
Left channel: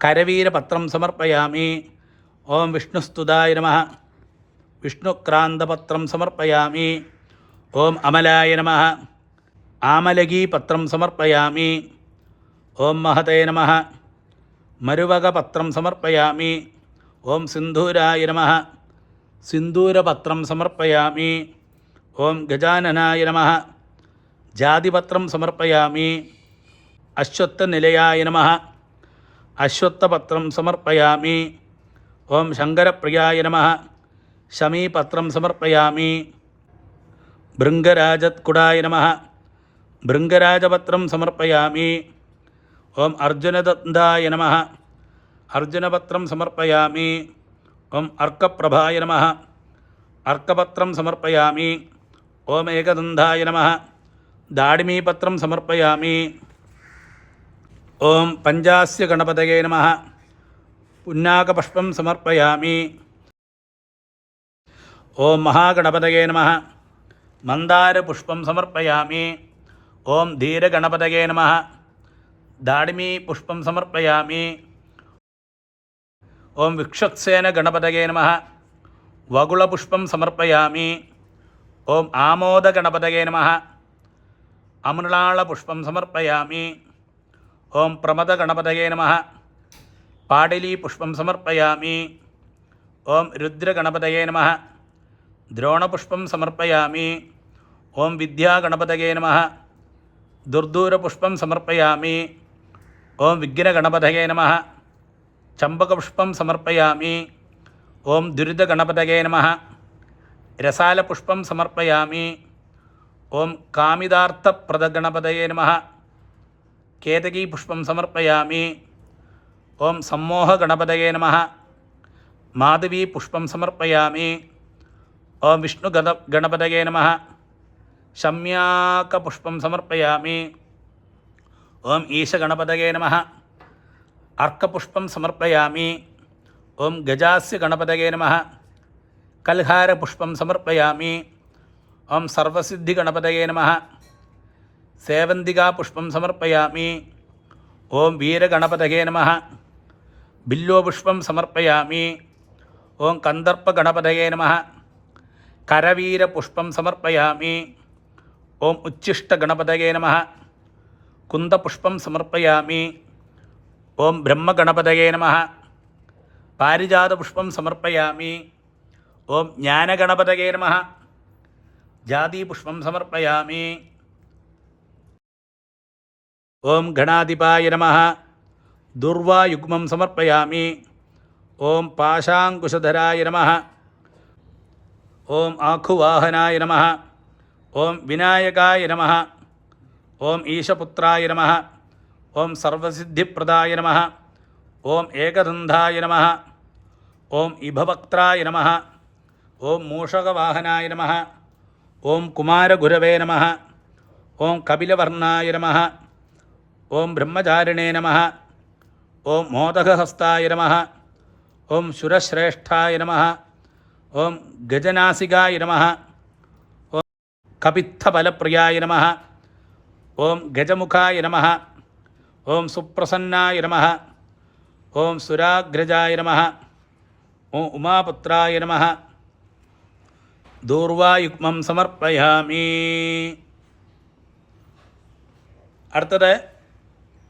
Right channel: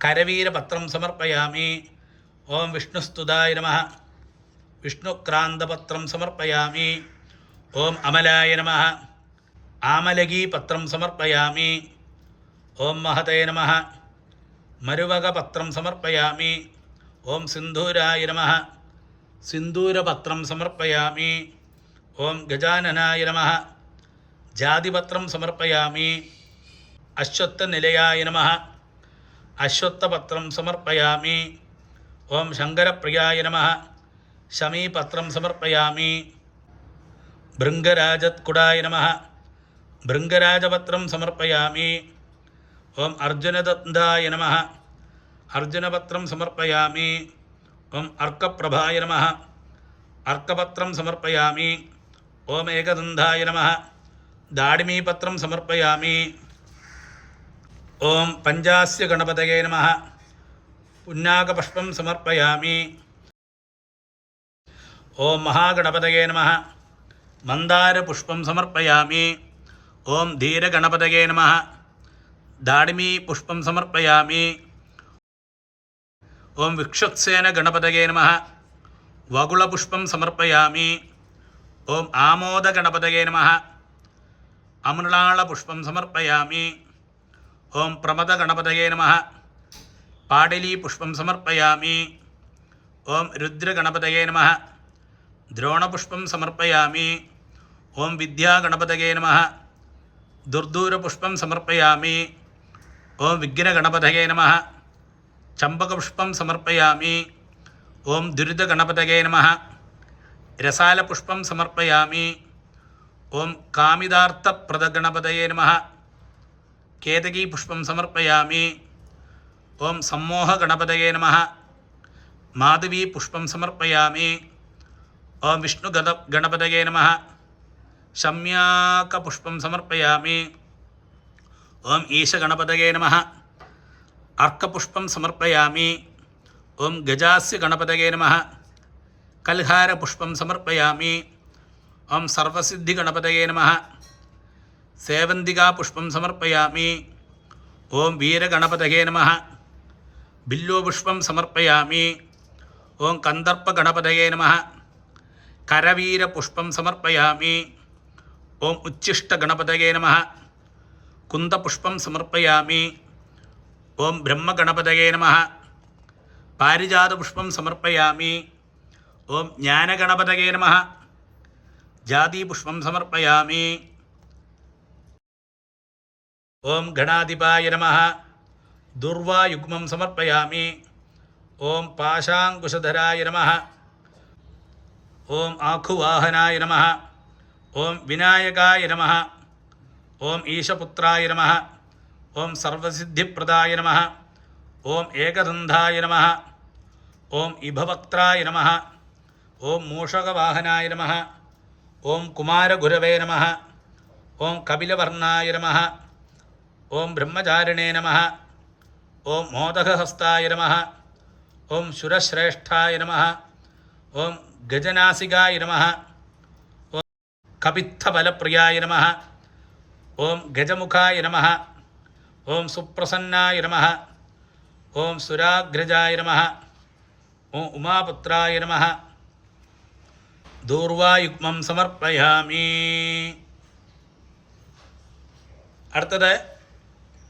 கரவீர பத்திரம் சமர்ப்பயாமி. ஓம் விஷ்ணுஸ்துதாய நமஹ விஷ்ணுக்ராந்தபத்திரம் சமர்ப்பயாமி. ஓம் அமலாய நமஹ ஆமலகி பத்திரம் சமர்ப்பயாமி. ஓம் மகதே நமஹ மருவகபத்திரம் சமர்ப்பயாமி. ஓம் சிந்தூராய நமஹ சிந்தூரபத்திரம் சமர்ப்பயாமி. ஓம் கஜானனாய நமஹ ஜாதிபத்திரம் சமர்ப்பயாமி. அஸ்வத்தநிலையாய நமஹ அஸ்வத்தபத்திரம் சமர்ப்பயாமி. ஓம் சங்கரப்பிரியாய நமஹ ஷமீபத்திரம் சமர்ப்பயாமி. பிருங்கராஜத்குடாய நமஹ பிருங்கராஜபத்திரம் சமர்ப்பயாமி. ஓம் அர்ஜுனதந்தாய நமஹ अर्जुनपत्रं समर्पयामि। ओम अर्कप्रभाय नमः। अर्कपत्रं समर्पयामि। ओम एकदन्धाय नमः। दाडिमीपत्रं समर्पयामि। ओम पंचास्य गणपतये नमः। पुन्नाकपुष्पं समर्पयामि। ओम महागणपतये नमः। मन्दारपुष्पं समर्पयामि। ओम धीरगणपतये नमः। दाडिमीपुष्पं समर्पयामि। ओम विक्षक्सेन गणपतये नमः। वगुलपुष्पं समर्पयामि। ओम आमोदगणपतये नमः। अमृणालपुष्पं समर्पयामि। ओम प्रमदगणपतये नमः। पाडिलीपुष्पं समर्पयामि। ओम रुद्रगणपतये नमः। द्रोणपुष्पं समर्पयामि। ओम विद्यागणपतये नमः। दुर्दूरपुष्पं समर्पयामि। ओम विघ्नगणपतये नमः। चम्पकपुष्पं समर्पयामि। ओम दुरितगणपतये नमः। रसालपुष्पं समर्पयामि। ओम कामिदार्थप्रदगणपतये नमः। केतकीपुष्पं समर्पयामि। ओम सम्मोहगणपतये नमः। माधवीपुष्पं समर्पयामि। ओम विष्णुगणपतये नमः। शम्याकपुष्पं समर्पयामि। ओम ईशगणपतये नमः। अर्कपुष्पं समर्पयामि। ओम गजास्य गणपतये नमः। कल्हारपुष्पं समर्पयामि। ओम सर्वसिद्धिगणपतये नमः। सेवन्तिकापुष्पं समर्पयामि। ओम वीरगणपतये नमः। बिल्वपुष्पं समर्पयामि। ओम कन्दर्पगणपतये नमः। करवीरपुष्पं समर्पयामि। ओम उच्छिष्टगणपतये नमः। कुन्दपुष्पं समर्पयामि। ओम ब्रह्मगणपतये नमः। पारिजातपुष्पं समर्पयामि। ओम ज्ञानगणपतये नमः। जातिपुष्पं समर्पयामि। ओम गणाधिपाय नमः। दुर्वायुग्मं समर्पयामि। ओम पाशाङ्कुशधराय नमः। ओम आखुवाहनाय नमः। ओम विनायकाय नमः। ओम ईशपुत्राय नमः। ओम सर्वसिद्धिप्रदाय नमः। ओम एकदन्धाय नमः। ओम इभवक्त्राय नमः। ओम मूषकवाहनाय नमः। ओम कुमारगुरवे नमः। ओम कपिलवर्णाय नमः। ओम ब्रह्मचारिणे नमः। ओम मोदकहस्ताय नमः। ओम सुरश्रेष्ठाय नमः। ओम गजनासिकाय नमः। ओम कपित्थबलप्रियाय नमः। ओम गजमुखाय नमः। ओम सुप्रसन्नाय नमः। ओम सुराग्रजाय नमः। ओम उमापुत्राय नमः। दूर्वायुग्मं समर्पयामि. அடுத்தது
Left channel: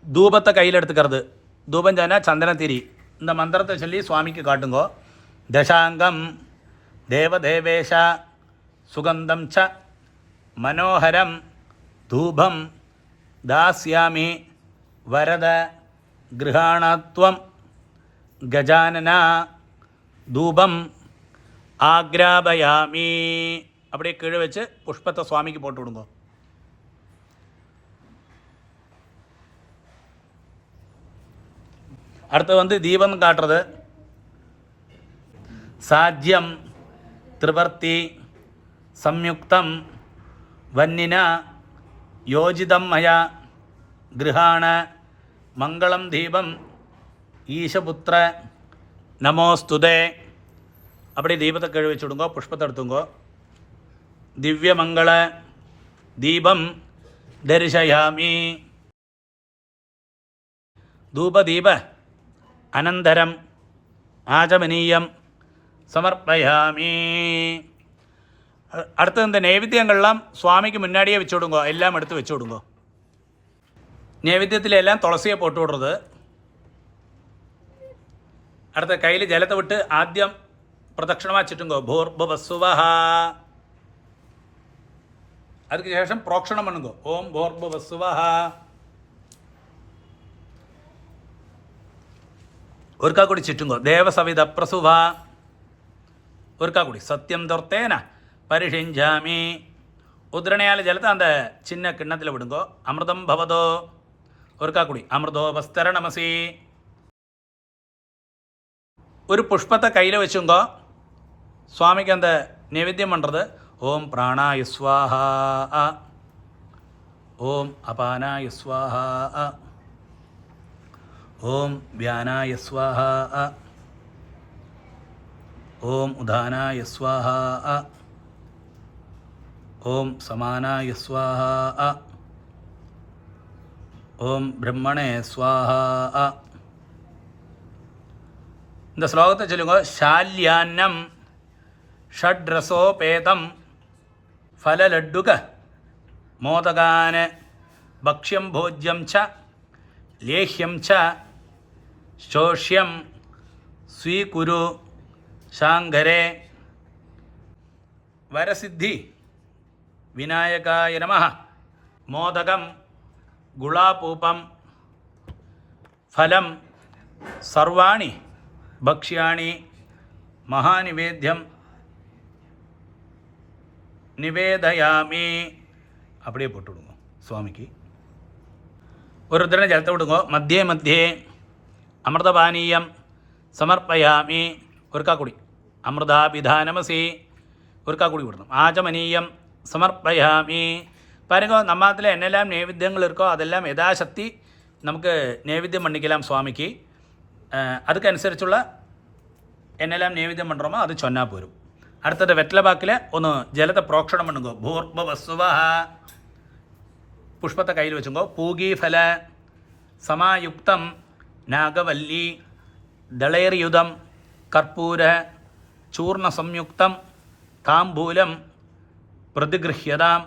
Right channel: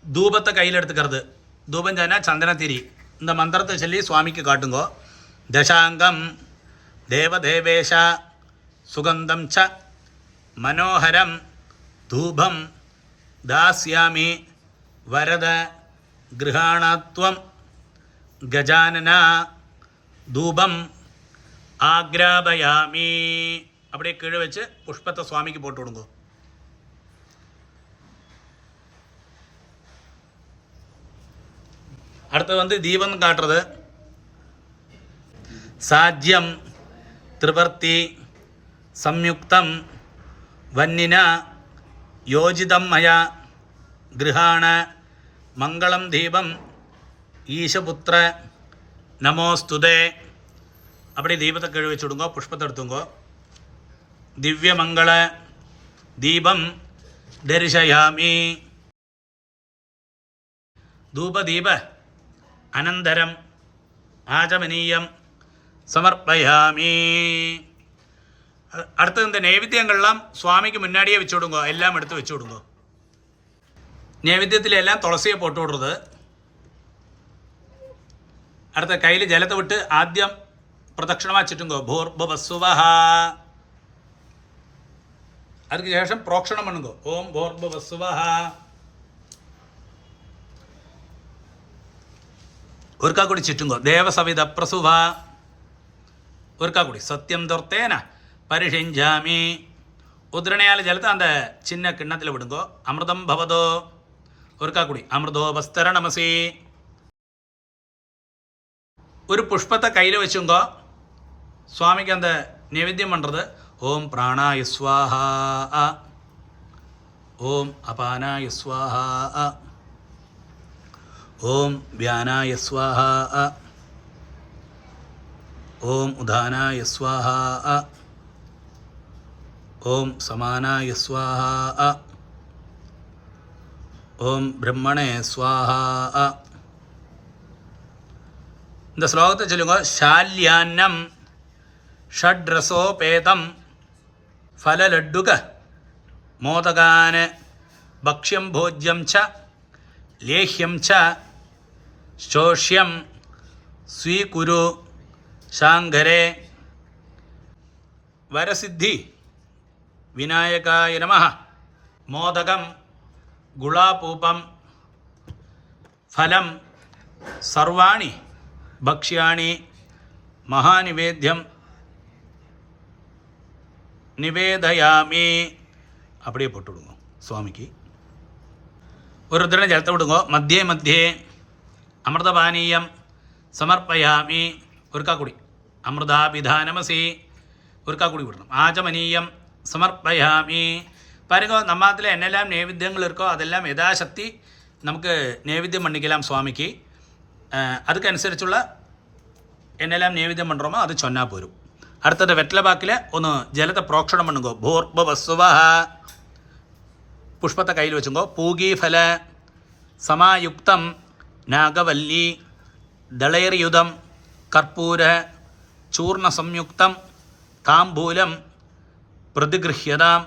தூபத்தை கையில் எடுத்துக்கிறது. தூபம் சொன்னா சந்தனத்திரி. இந்த மந்திரத்தை சொல்லி சுவாமிக்கு காட்டுங்கோ. தசாங்கம் தேவதேவேஷ சுகந்தம் ச மனோகரம் தூபம் தாஸ்யாமி வரத கிருஹாணத்வம் கஜானன தூபம் ஆக்ராபயாமி. அப்படியே கீழே வச்சு புஷ்பத்தை சுவாமிக்கு போட்டு விடுங்க. அடுத்து தீபம் காட்டுறது. சாஜ்யம் திரிவர்த்தி சம்யுக்தம் வன்னினா யோஜிதம் மயா கிருஹாண மங்களம் தீபம் ஈஷபுத்திர நமோஸ்துதே. அப்படி தீபத்தை கீழே வச்சு விடுங்கோ. புஷ்பத்தை எடுத்துங்கோ. திவ்யமங்கள தீபம் தரிசயாமி. தூபதீப அனந்தரம் ஆஜமனீயம் சமர்ப்பயாமி. அடுத்து இந்த நைவேத்தியங்கள்லாம் சுவாமிக்கு முன்னாடியே வச்சு விடுங்கோ. எல்லாம் எடுத்து வச்சு விடுங்கோ. நைவேத்தியத்திலெல்லாம் துளசியை போட்டு விடுறது. அடுத்த கையில் ஜலத்தை விட்டு ஆദ്യം പ്രദക്ഷിണமாக ചുറ്റുങ്കോ. ഭൂർഭുവസ്സുവഃ. அதுக்கு ശേഷം പ്രോക്ഷണം பண்ணுங்கோ. ഓം ഭൂർഭുവസ്സുവഃ. ഒരിക്കൽ കൂടി ചുറ്റുങ്കോ. ദേവസവിത പ്രസുവ. ഒരിക്കൽ കൂടി സത്യം ദുർത്തേന പരിഷിഞ്ചാമി. ഉദ്രണയാൽ ജലത്തെ அந்த சின்ன கிண்ணத்தில் விடுங்கோ. அமிர்தம் பவதோ. ஒருக்கா கூடி அமிர்தோபஸ்தர நமசி. ஒரு புஷ்பத்தை கையில் வச்சுங்கோ. சுவாமிக்கு அந்த நைவேத்தியம் பண்ணுறது ஓம் பிராணாய ஸ்வாஹா, ஓம் அபானாய ஸ்வாஹா, ஓம் வியானாய ஸ்வாஹா, ஓம் உதானாய ஸ்வாஹா, ஓம் சமானாய ஸ்வாஹா, ஓம் பிரம்மணே ஸ்வாஹா. இந்த ஸ்லோகத்தை சொல்லுங்க. ஷால்யான்னம் ஷட்ரசோபேதம் ஃபலலட்டுக மோதகான பக்ஷ்யம் போஜ்யம் ச லேஹ்யம் ச ஸ்தோஷ்யம் ஸ்வீகுரு சாங்கரே. வரசித்தி விநாயகாய நமः. மோதகம் குலாபூபம் ஃபலம் சர்வாணி பக்ஷ்யாணி மகாநிவேத்யம் நிவேதயாமி. அப்படியே போட்டு விடுங்க சுவாமிக்கு. ஒரு தின ஜலத்தை விடுங்க. மத்தியே மத்தியே அமிர்தபானீயம் சமர்ப்பயாமி. ஒருக்கா குடி. அமிர்தாபிதானமசி. ஒருக்கா குடி விடணும். ஆச்சமனீயம் சமர்ப்பயாமி. பாருங்க, நம்மத்தில் என்னெல்லாம் நைவேத்தியங்கள் இருக்கோ அதெல்லாம் யதாசக்தி നമുക്ക് നൈവേദ്യം பண்ணிக்கலாம் சுவாமிக்கு. அதுக்கനുസരിച്ചുള്ള என்னெல்லாம் நைவேத்தியம் பண்ணுறோமோ அது சொன்னால் போരും. അടുത്തത് വെറ്റലബാക്കിൽ ഒന്ന് ജലത്തെ പ്രോക്ഷണം പണുങ്കോ. ഭൂർഭവസ്വ പുഷ്പത്തെ കയ്യിൽ വെച്ചുങ്കോ. പൂഗീഫല സമായുക്തം നാഗവല്ലി ദളൈർയുധം കർപ്പൂര ചൂർണ സംയുക്തം താംബൂലം പ്രതിഗൃഹ്യതാം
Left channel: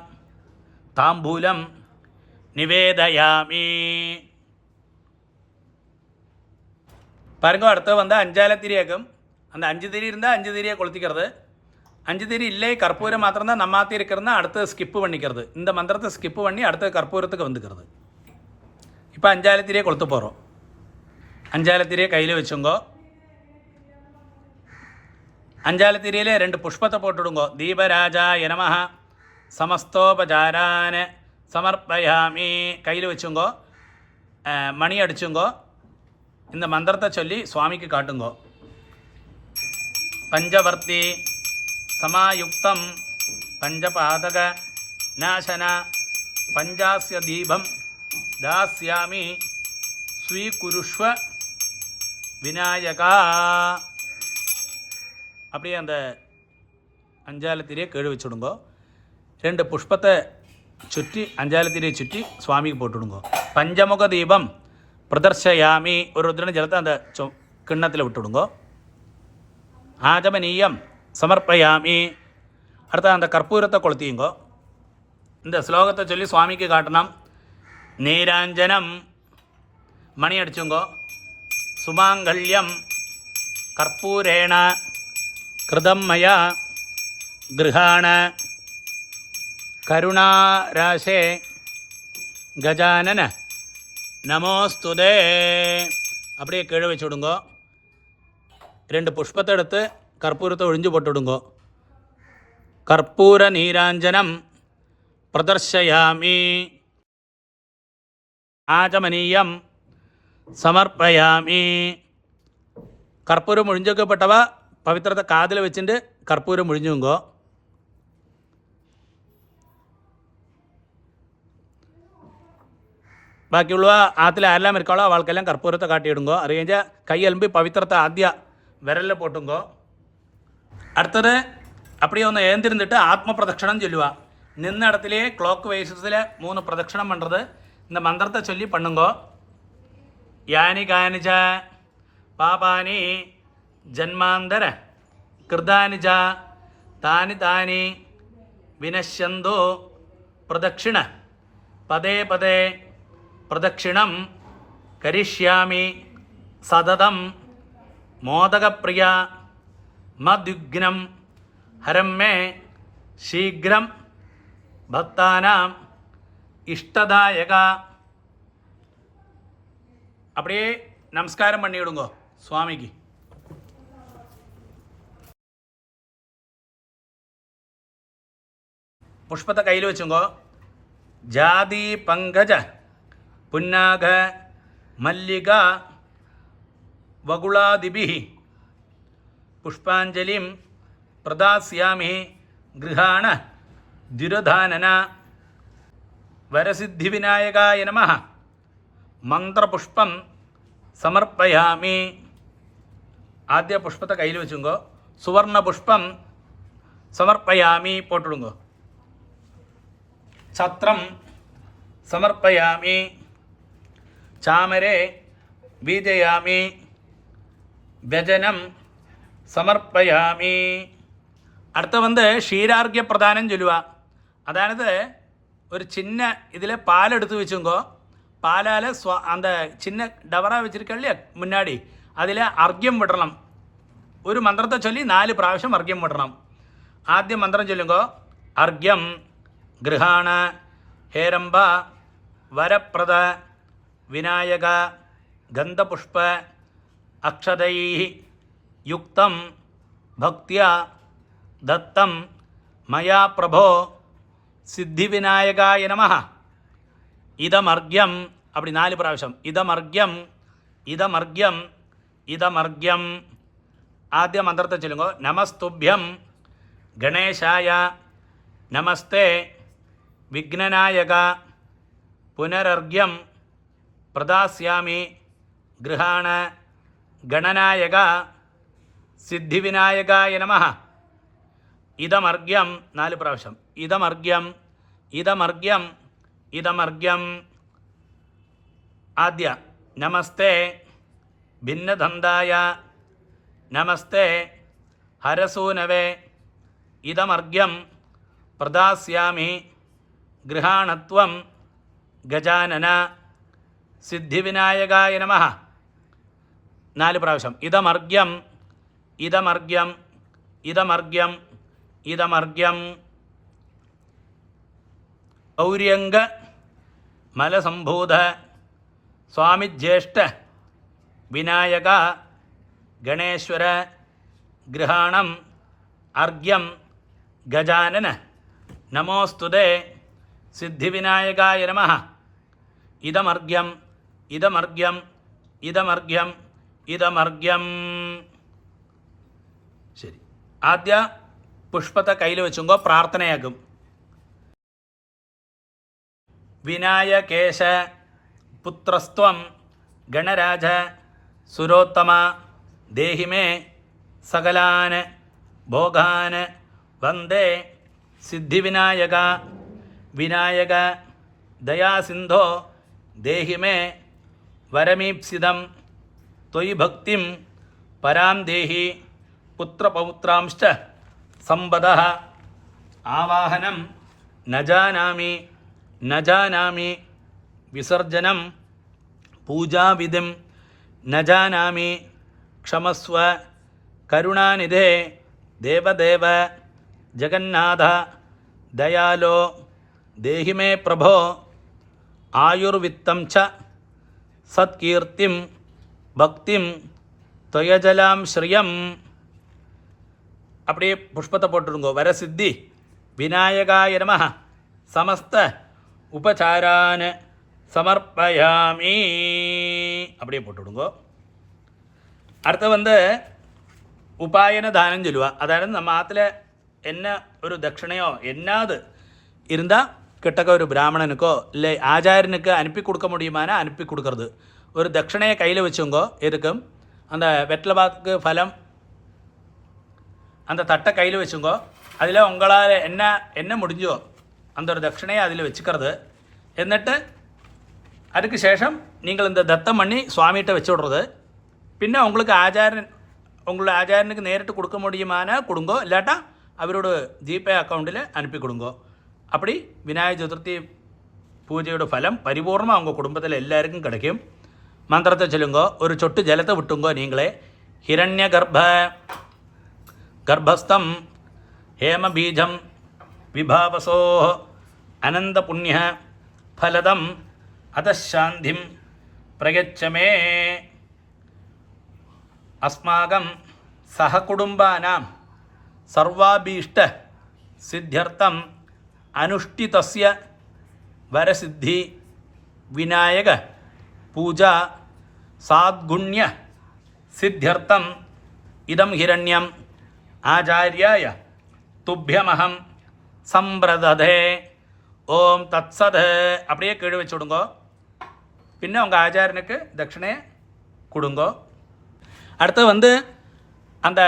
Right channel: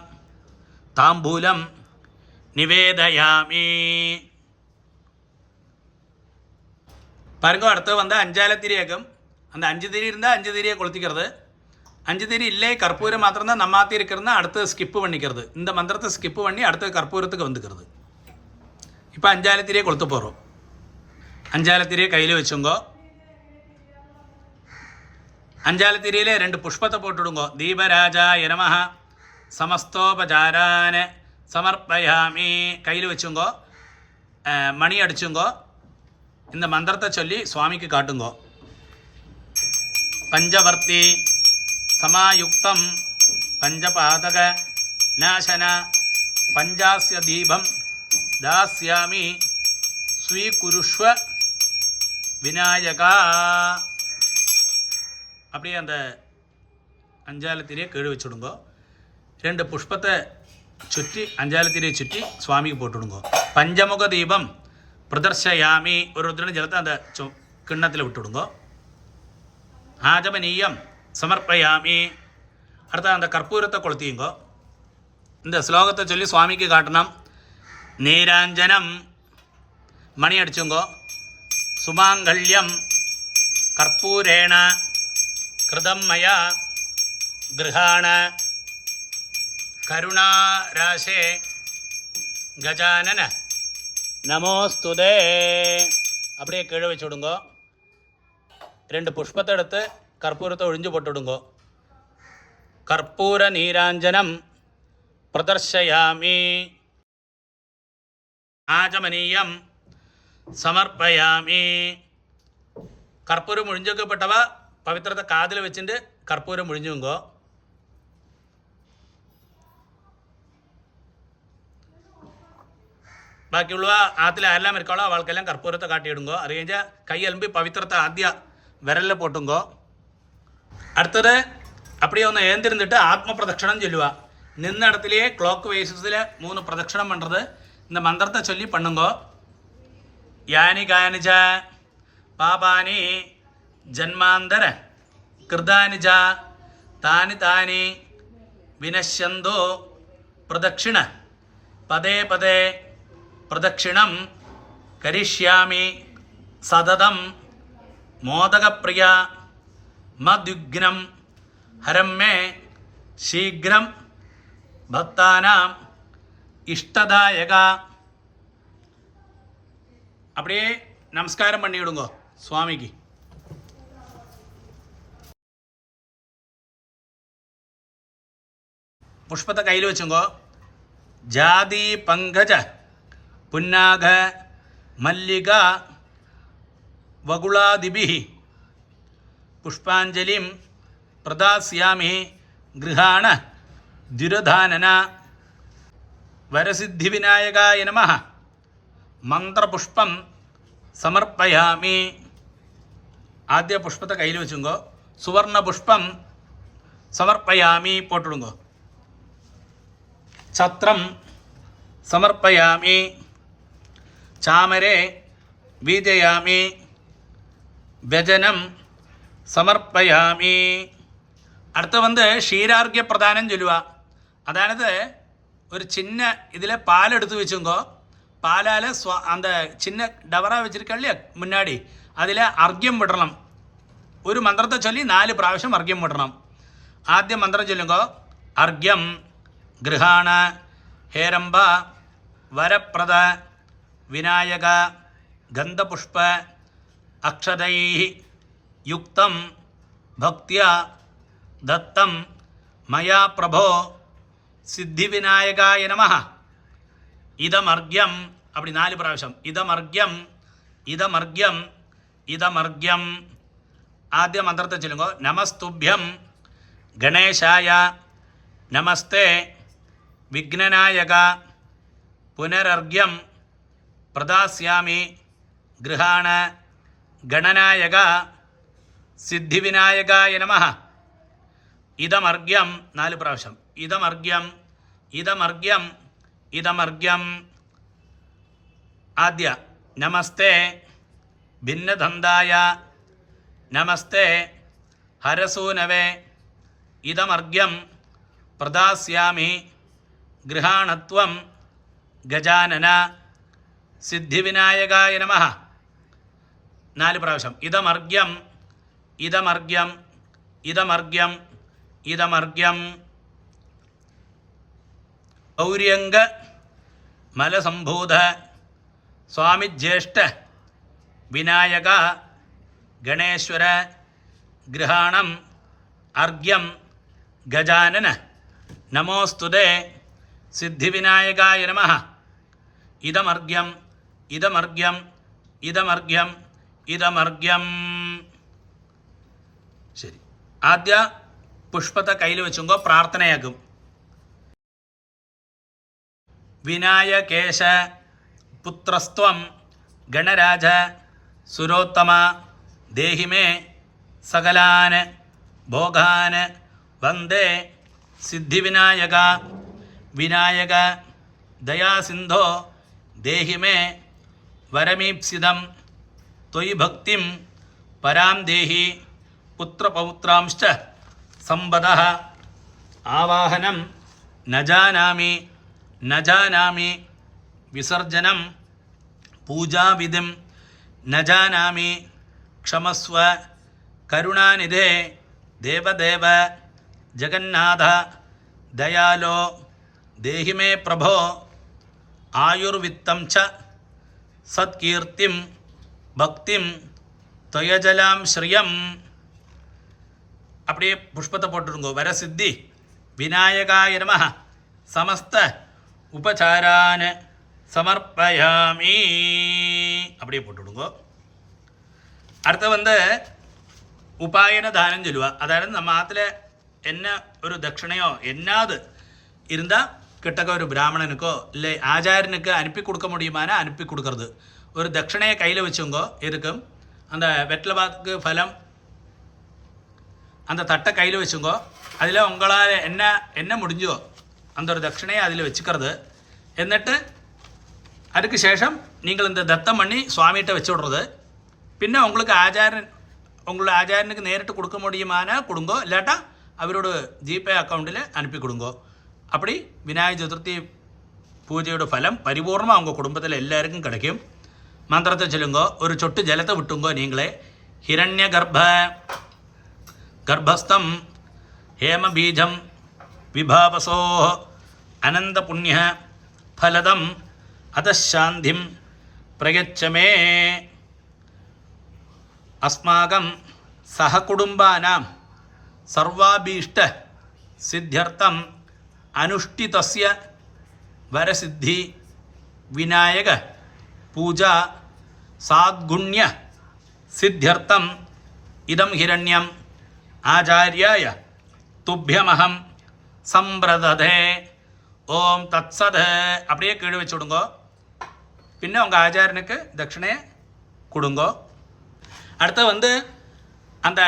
താംബൂലം நிவேதயாமி. பாருங்க, அடுத்து வந்து அஞ்சாலத்திரியாக்கும். அந்த 5 திரி இருந்தால் 5 திரியை கொளுத்திக்கிறது. 5 திரி இல்லை, கற்பூரம் மாத்திரம் தான் நம்மாத்தி இருக்கிறதுனா அடுத்து ஸ்கிப்பு பண்ணிக்கிறது. இந்த மந்திரத்தை ஸ்கிப்பு பண்ணி அடுத்த கற்பூரத்துக்கு வந்துக்கிறது. இப்போ அஞ்சாலத்திரியை கொளுத்து போகிறோம். அஞ்சாலத்திரியை கையில் வச்சுங்கோ. அஞ்சாலத்திரியில் 2 புஷ்பத்தை போட்டுடுங்கோ. தீபராஜாய நமஹ சமஸ்தோபசாரான சமர்ப்பயாமி. கையில் வச்சுங்கோ. மணி அடிச்சுங்கோ. இந்த மந்திரத்தை சொல்லி சுவாமிக்கு காட்டுங்கோ. பஞ்சவர்த்தி சமாயுக்தம் பஞ்சபாதக நாசன பஞ்சாஸ்ய தீபம் தாஸ்யாமி ஸ்வீகுருஷ்வ விநாயகா. அப்படியே அந்த அஞ்சாலத்திரியை கீழே வச்சுடுங்கோ. 2 புஷ்பத்தை சுற்றி அஞ்சாலத்திரியை சுற்றி சுவாமிக்கு போட்டுடுங்கோ. பஞ்சமுக தீபம் பிரதர்ஷயாமி. ஒரு ருத்ரன ஜலத்தை அந்த கிண்ணத்தில் விட்டுடுங்கோ. ஆஜமனீயம் சமர்ப்பயாமி. அடுத்த அந்த கற்பூரத்தை கொளுத்தியுங்கோ. இந்த ஸ்லோகத்தை சொல்லி சுவாமிக்கு காட்டணும். நீராஞ்சனம் மணி அடிச்சுங்கோ. சுமாங்கல்யம் கற்பூரேண கிருதம் மயா கிருஹாண கருணாராசே கஜானன நமோஸ்துதே. அப்படியே கீழே வச்சுடுங்கோ. 2 புஷ்பத்தை எடுத்து கற்பூரத்தை ஒழிஞ்சு போட்டுவிடுங்கோ. கற்பூர நீராஞ்சனம் பிரதர்ஷயாமி. ஆச்சமனீயம் சமர்ப்பயாமி. கற்பூரம் ஒழிஞ்சிக்கப்பட்டவா பவித்திரத்தை காதில் வச்சுட்டு கற்பூரம் ஒழிஞ்சுங்கோ. ബാക്കിയുള്ള ആത്തിൽ ആരെല്ലാം ഇരിക്കാളോ അവൾക്കെല്ലാം കർപ്പൂരത്തെ കാട്ടിയിടുങ്കോ. അറിയാ കൈയലമ്പി പവിത്രത്തെ ആദ്യ വിരലിൽ പോട്ടുങ്കോ. അടുത്തത് அப்படியே ഒന്ന് ഏന്തിരുന്നിട്ട് ആത്മപ്രദക്ഷിണം ചൊല്ലുക. നിന്ന ഇടത്തിലേ ക്ലോക്ക് വൈസസിൽ 3 പ്രദക്ഷിണം പണ്ടത് இந்த മന്ത്രത്തെ ചൊല്ലി പണ്ണുങ്കോ. യാനി കാനിച പാപാനി ജന്മാന്തര കൃതാനിച താനി താനി വിനശ്യന്തോ പ്രദക്ഷിണ പദേ പദേ പ്രദക്ഷിണം കരിഷ്യാമി സതതം മോദകപ്രിയ മദ്വിഘ്നം ഹരം മേ ശീഘ്രം ഭക്താനാം ഇഷ്ടദായക. அப்படியே நமஸ்காரம் பண்ணிவிடுங்கோ சுவாமிக்கு. புஷ்பத்தை கையில் வச்சுங்கோ. ஜாதி பங்கஜ புன்னாக மல்லிகா வகுளாதிபி പുഷ്പാഞ്ജലിം പ്രദാസ്യാമി ഗൃഹാണ ദ്വിരധാനന. വരസിദ്ധിവിനായകായ നമഃ. മന്ത്രപുഷ്പം സമർപ്പയാമി. ആദ്യ പുഷ്പത്തെ കയ്യിൽ വെച്ചുങ്കോ. സുവർണപുഷ്പം സമർപ്പയാമി പോട്ടിടുങ്കോ. ഛത്രം സമർപ്പയാമി. ചാമരെ വീജയാമി. വ്യജനം സമർപ്പയാമി. അടുത്ത ക്ഷീരാർഘ്യ പ്രദാനം ചൊല്ലുക. അതായത് ഒരു ചിന്ന ഇതിലെ പാലെടുത്ത് വെച്ചുങ്കോ. പാലാൽ அந்த சின்ன டவரா வச்சிருக்க இல்லையா முன்னாடி அதில் അർഘ്യം വിടണം. ഒരു മന്ത്രത്തെ ചൊല്ലി 4 പ്രാവശ്യം അർഘ്യം വിടണം. ആദ്യം മന്ത്രം ചൊല്ലുങ്കോ. അർഘ്യം ഗൃഹാണ ഹേരംബ വരപ്രദ വിനായക ഗന്ധപുഷ്പ അക്ഷതൈ യുക്തം ഭക്ത്യ ദത്തം മയാ പ്രഭോ സിദ്ധിവിനായകായ നമഃ. ഇതമർഘ്യം. அப்படி 4 പ്രാവശ്യം. ഇതമർഘ്യം ഇതമർഘ്യം ഇതമർഘ്യം. ആദ്യ മന്ത്രത്തെ ചൊല്ലുങ്കോ. നമസ്തുഭ്യം ഗണേശായ നമസ്തേ വിഘ്നനായക പുനരർഘ്യം പ്രദാസ്യാമി ഗൃഹാണ ഗണനായക സിദ്ധിവിനായകായ നമഃ. ഇതമർഘ്യം 4 പ്രാവശ്യം. ഇതമർഘ്യം ഇതമർഘ്യം ഇതമർഘ്യം. ആദ്യ നമസ്തേ ഭിന്നദന്തായ നമസ്തേ ഹരസൂനവേ ഇതമർഘ്യം പ്രദാസ്യാമി ഗൃഹാണത്വം ഗജാനന സിദ്ധിവിനായകായ നമഃ. 4 പ്രാവശ്യം. ഇതമർഘ്യം ഇതമർഘ്യം ഇതമർഘ്യം ഇതമർഘ്യം. ഗൗര്യംഗ മലസംഭൂത സ്വാമിജ്യേഷ്ഠ വിനായക ഗണേശ്വര ഗൃഹാണം അർഘ്യം ഗജാനന നമോസ്തുതേ സിദ്ധിവിനായകായ നമഃ. ഇതമർഘ്യം ഇതമർഘ്യം ഇതമർഘ്യം ഇതമർഘ്യം. ശരി. ആദ്യ പുഷ്പത്തെ കയ്യിൽ വെച്ചുങ്കോ. പ്രാർത്ഥനയാകും. വിനായകേശ പുത്രസ്ത്വം ഗണരാജ സുരോത്തമ ദേഹിമേ സകലാൻ ഭോഗാൻ വന്ദേ സിദ്ധിവിനായക വിനായക ദയാസിന്ധോ ദേഹിമേ വരമീപ്സിതം ത്വയി ഭക്തിം പരാം ദേഹി പുത്രപൗത്രാംശ്ച സമ്പദഃ. ആവാഹനം ന ജാനാമി ന ജാനാമി വിസർജനം പൂജാവിധിം ന ജാനാമി ക്ഷമസ്വ കരുണാനിധേ ദേവദേവ ജഗന്നാഥ ദയാലോ ദേഹി മേ പ്രഭോ ആയുർവിത്തം ച സത്കീർത്തിം ഭക്തിം ത്വയജലാം ശ്രിയം. அப்படியே புஷ்பத்தை போட்டுருங்கோ. வரசித்தி விநாயகாய நமः சமஸ்த உபசாரான் சமர்ப்பயாமி. அப்படியே போட்டுவிடுங்கோ. அடுத்து உபாயன தானம் சொல்லுவா. அதாவது நம்ம ஆற்றுல என்ன ஒரு தட்சிணையோ என்னாது இருந்தால் கிட்டக்க ஒரு பிராமணனுக்கோ இல்லை ஆச்சாரியனுக்கு அனுப்பி கொடுக்க முடியுமானா அனுப்பி கொடுக்கறது. ஒரு தட்சிணையை கையில் வச்சுங்கோ. இருக்கும் அந்த வெற்றில பாக்கு ஃபலம் அந்த தட்டை கையில் வச்சுங்கோ. அதில் உங்களால் என்ன முடிஞ்சோ அந்த ஒரு தட்சிணையை அதில் வச்சுக்கிறது. എന്നിട്ട് அதுக்கு சேஷம் நீங்கள் இந்த தத்தம் பண்ணி சுவாமிகிட்ட வச்சு விட்றது. പിന്നെ உங்களுக்கு உங்களோட ஆச்சாரியனுக்கு நேரிட்டு கொடுக்க முடியுமானா கொடுங்கோ. இல்லாட்டா அவரோட ஜிபே அக்கௌண்ட்டில் அனுப்பி கொடுங்கோ. அப்படி விநாயகர் சதுர்த்தி பூஜையோட ஃபலம் பரிபூர்ணமாக உங்கள் குடும்பத்தில் எல்லாருக்கும் கிடைக்கும். மந்திரத்தை சொல்லுங்கோ. ஒரு சொட்டு ஜலத்தை விட்டுங்கோ. நீங்களே ஹிரண்ய ഗർഭസ്ഥം ഹേമബീജം വിഭാവസോ അനന്തപുണ്യ ഫലദം അതശാന്തിം പ്രയച്ഛമേ. അസ്മാകം സഹകുടുംബാനാം സർവാഭീഷ്ട സിദ്ധ്യർത്ഥം അനുഷ്ഠിതസ്യ വരസിദ്ധി വിനായക പൂജ സാദ്ഗുണ്യ സിദ്ധ്യർത്ഥം இதம் ஹிரண்யம் ஆச்சாரியாய துப்பியமகம் சம்பிரததே ஓம் தத்சத. அப்படியே கீழே வச்சு விடுங்கோ. பின்ன உங்கள் ஆச்சாரியனுக்கு தட்சிணையை கொடுங்கோ. அடுத்து அந்த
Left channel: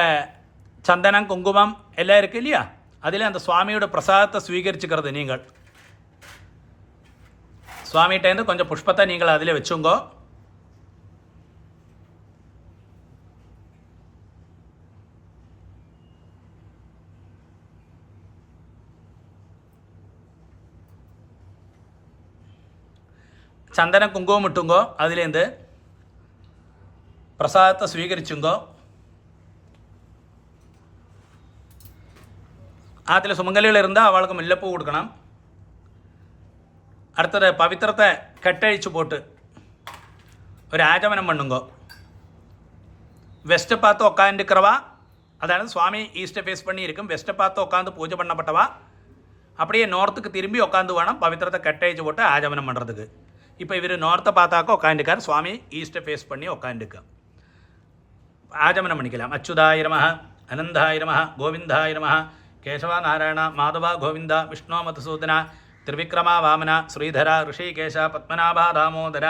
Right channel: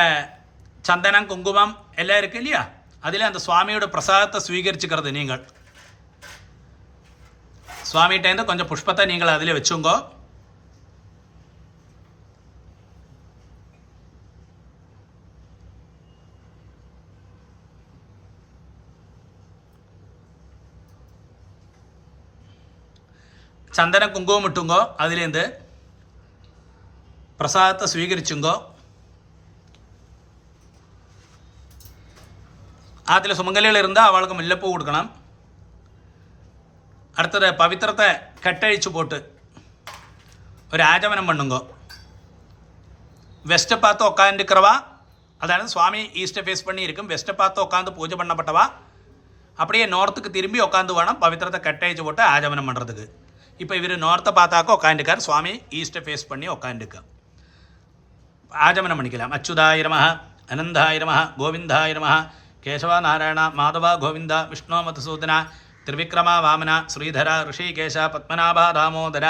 சந்தனம் குங்குமம் எல்லாம் இருக்கு இல்லையா, அதில் அந்த சுவாமியோட பிரசாதத்தை ஸ்வீகரிச்சுக்கிறது. நீங்கள் சுவாமிகிட்டேருந்து கொஞ்சம் புஷ்பத்தை நீங்கள் அதில் வச்சுங்கோ. சந்தன குங்குமம் இட்டுங்கோ. அதுலேருந்து பிரசாதத்தை ஸ்வீகரிச்சுங்கோ. அதில் சுமங்கலிகள் இருந்தால் அவளுக்கு முல்லைப்பூ கொடுக்கணும். அடுத்தது பவித்திரத்தை கட்டழிச்சு போட்டு ஒரு ஆஜமனம் பண்ணுங்கோ. வெஸ்ட்டை பார்த்து உட்காந்துக்கிறவா, அதாவது சுவாமி ஈஸ்ட்டை ஃபேஸ் பண்ணி இருக்கும், வெஸ்ட்டை பார்த்து உட்காந்து பூஜை பண்ணப்பட்டவா அப்படியே நார்த்துக்கு திரும்பி உட்காந்து வேணும் பவித்திரத்தை கட்டழிச்சு போட்டு ஆஜமனம் பண்ணுறதுக்கு. இப்போ இவர் நார்த்தை பார்த்தாக்க உட்காந்துக்கார், சுவாமி ஈஸ்ட்டை ஃபேஸ் பண்ணி உட்காந்துக்க ஆஜமனம் பண்ணிக்கலாம். அச்சுதாய நமः, அனந்தாய நமः, கோவிந்தாய நமः, கேசவா நாராயண மாதவா கோவிந்தா, விஷ்ணு மதுசூதன, திரிவிக்ரமா வாமன, ஸ்ரீதர, ரிஷிகேஷ, பத்மநாபா, தாமோதர.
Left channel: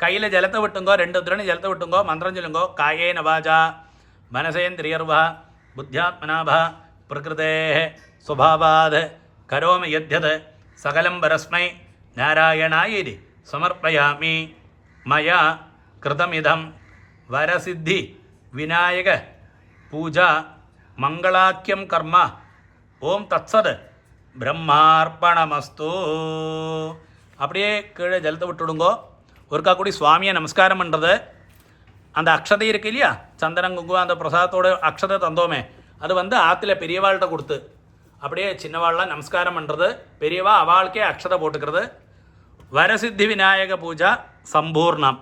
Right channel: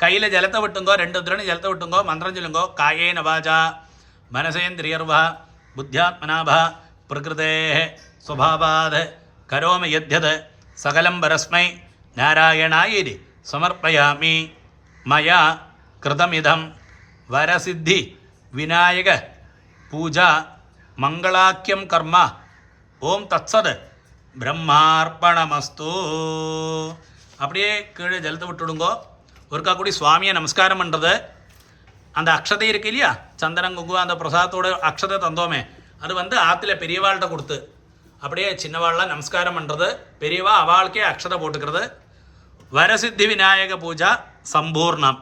கையில் ஜலத்தை விட்டுங்கோ, 2 உதிரணி ஜலத்தை விட்டுங்கோ. மந்திரம் சொல்லுங்கோ. காயேன வாசா மனசேந்திரியர்வா புத்தியாத்மனாபா பிரகிருதே ஸ்வபாவாத் கரோமி யத்யத் சகலம் பரஸ்மை நாராயணாயிதி சமர்ப்பயாமி. மயா கிருதமிதம் வரசித்தி விநாயக பூஜா மங்களாக்கியம் கர்ம. ஓம் தத்சத் பிரம்மார்ப்பணமஸ்து. அப்படியே கீழே ஜலத்தை விட்டுடுங்கோ. ஒருக்கா கூடி சுவாமியை நமஸ்காரம் பண்ணுறது. அந்த அக்ஷதை இருக்கு இல்லையா, சந்தனம் குங்குமம் அந்த பிரசாதத்தோட அக்ஷதை தந்தோமே, அது ஆற்றுல பெரியவாள்கிட்ட கொடுத்து அப்படியே சின்னவாள்லாம் நமஸ்காரம் பண்ணுறது. பெரியவா அவளுக்கே அக்ஷதை போட்டுக்கிறது. வரசித்தி விநாயக பூஜா சம்பூர்ணம்.